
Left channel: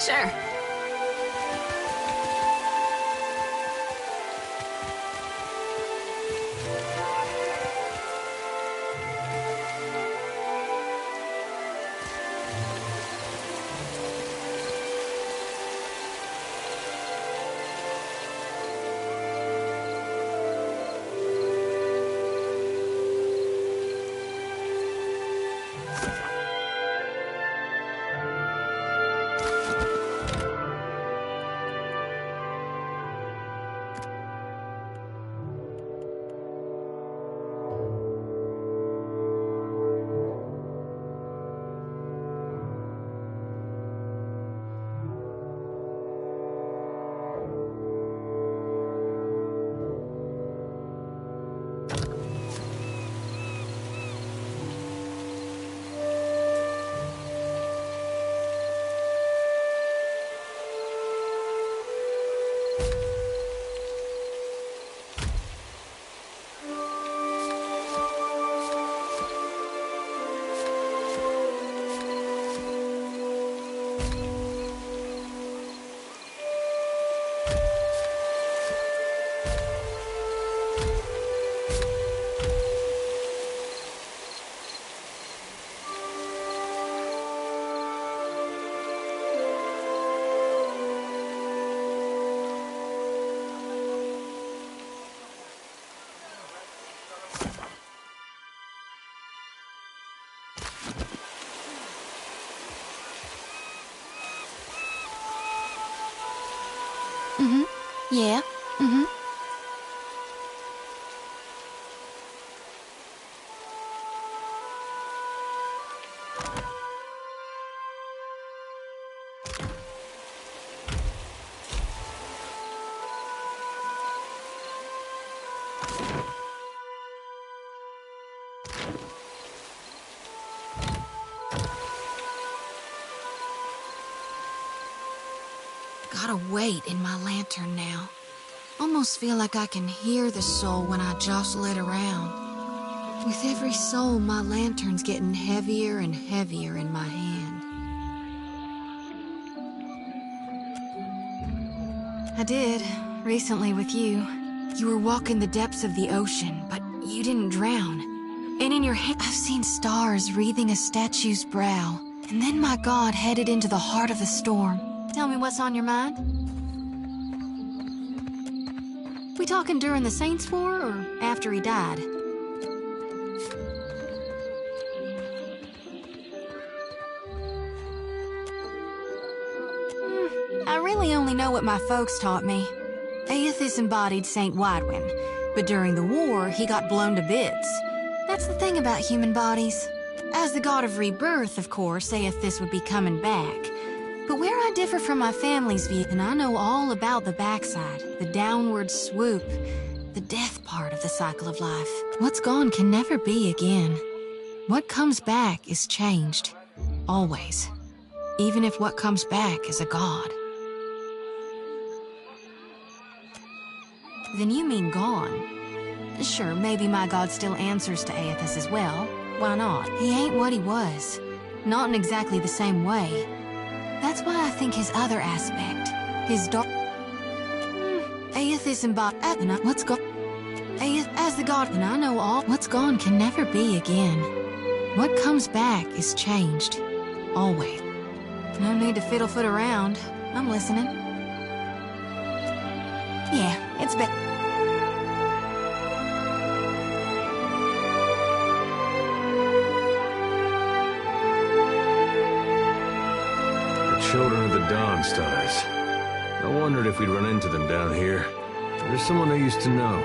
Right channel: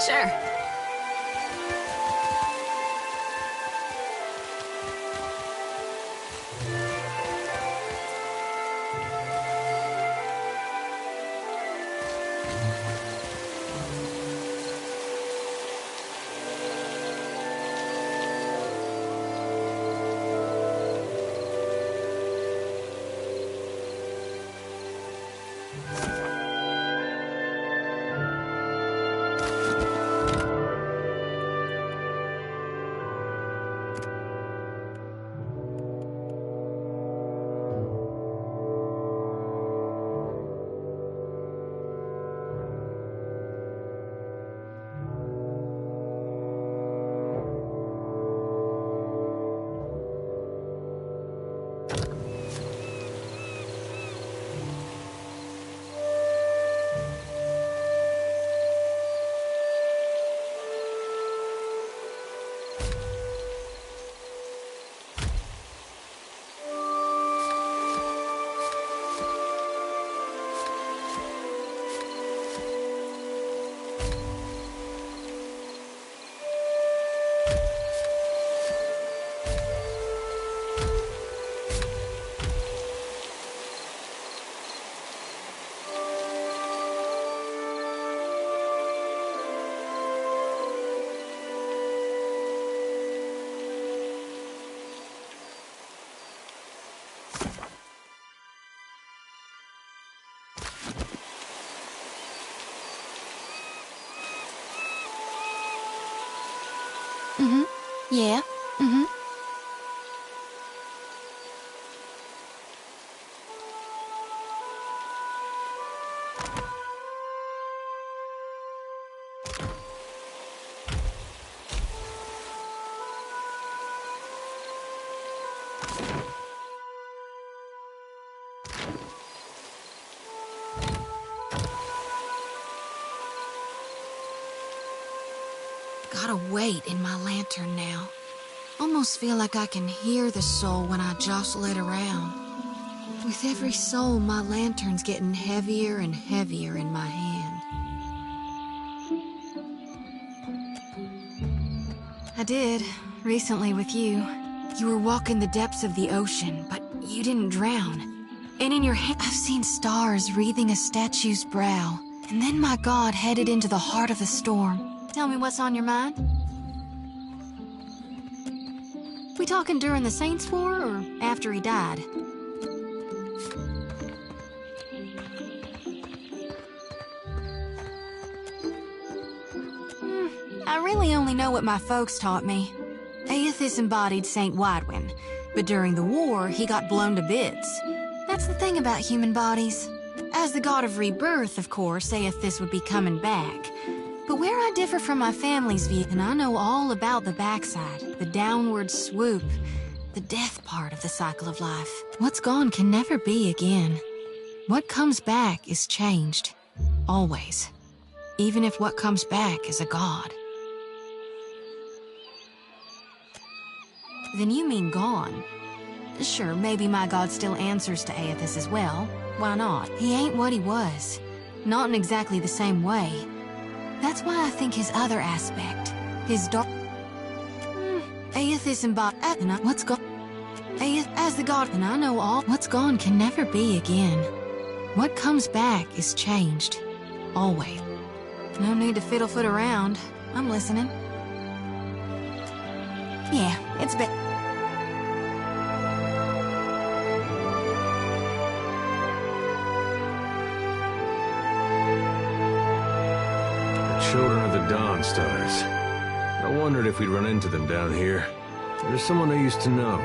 Sure. Yeah. Mm-hmm. Gotta wait in my lantern now. Almost feel like I can hear the soul when I jostle it around. With every soul, my lantern's getting heavier and heavier in my hand. I did, recently with you. You were walking the depths of the ocean, but you didn't drown. And in your hand, I've seen stars wreathing a statue's brow. And then my god headed into the heart of the storm. Tell me what's on your mind? We talking during the Saints' War or after he died? I really only know what my folks taught me. Aethys embodied Saint Widwin, but during the war, he got blown to bits. That's the thing about human bodies. As the god of rebirth, of course, Aethys would be coming back. But where I differ from my family's view, and I know all about the backside, the downward swoop, the death part of the cycle of life. What's gone can never be again. What comes back is changed. Always. Even if what comes back is a god. Then you mean gone? Sure, maybe my god still answers to Aethys as well. Why not? He ain't what he was. Not in exactly the same way. That's why I think his other aspect, his dark... Aethys embodied... What's gone... As the god, and I know all... What's gone can never be again. What comes back is changed. Always. No need to fiddle-foot around. I'm listening. Yeah, it's been... Children of the Dawn Stars. I wondered if we'd run into them down here. There's someone I used to know.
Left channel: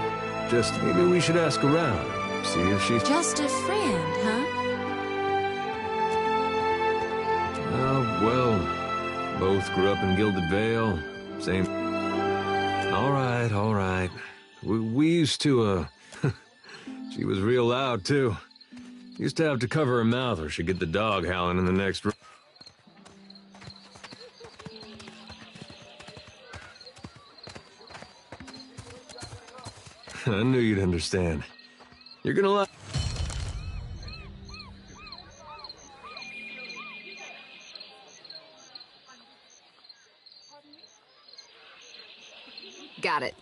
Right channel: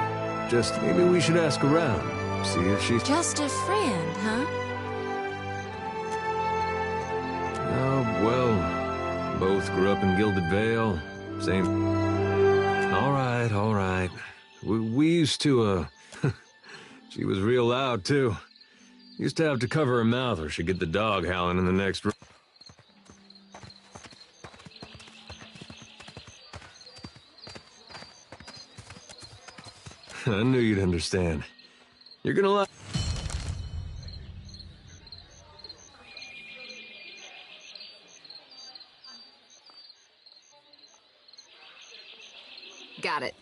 Just maybe we should ask around. See if she's... Just a friend, huh? Oh, well, both grew up in Gilded Vale. Same... All right. We used to, She was real loud, too. Used to have to cover her mouth or she'd get the dog howling in the next room. I knew you'd understand. You're gonna like... Got it.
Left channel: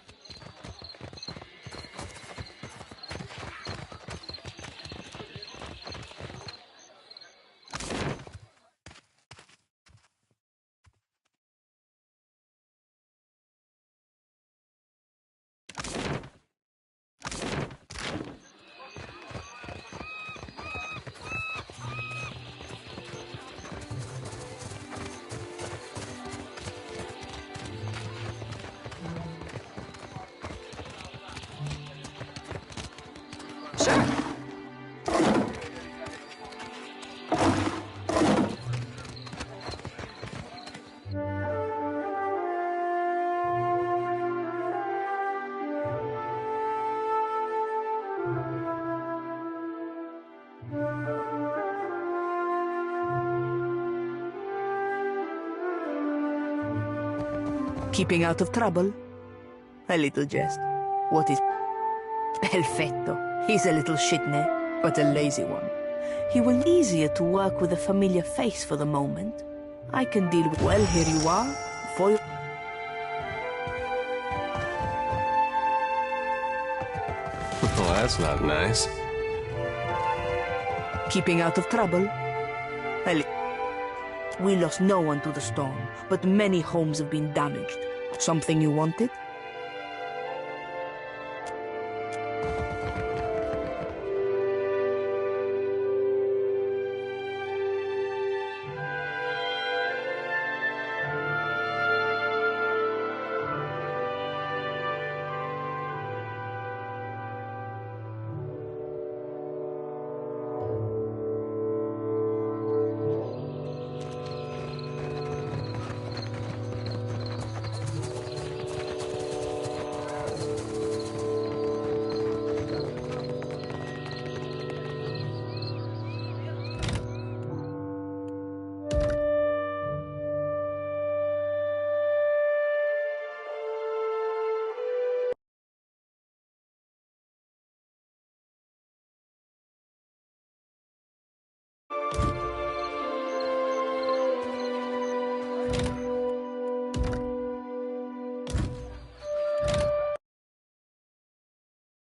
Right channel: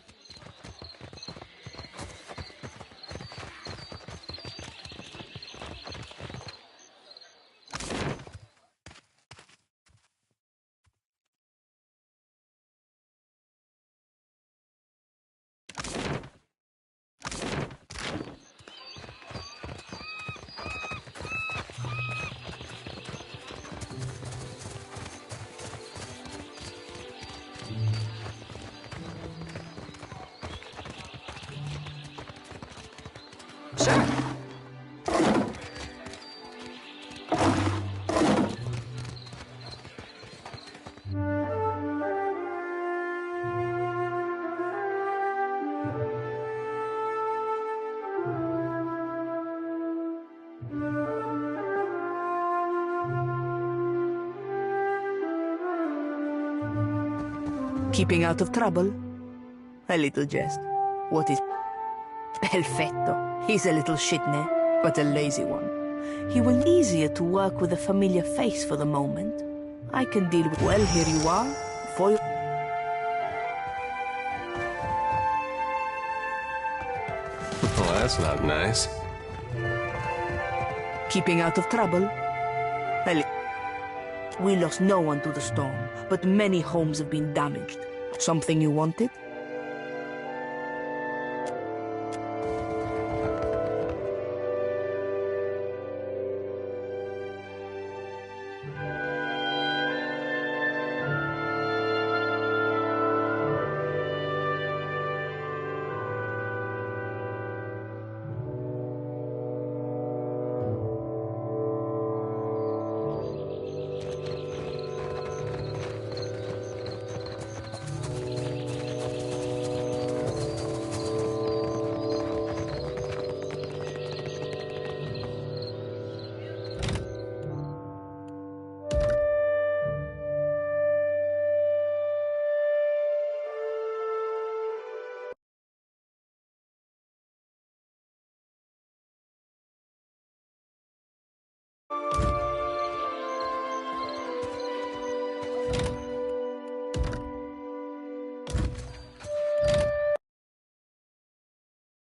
Keeping out of trouble? A little jest. What is... Perfetto. He's a little shitne, but a lazy one. He will be easier to work with a familiar face for the moment. I can deal with... Well, here you are. For your... Well, that's not nice. Keeping out of trouble? We lost no one to the storm, but many homes have been damaged. Something you wanted?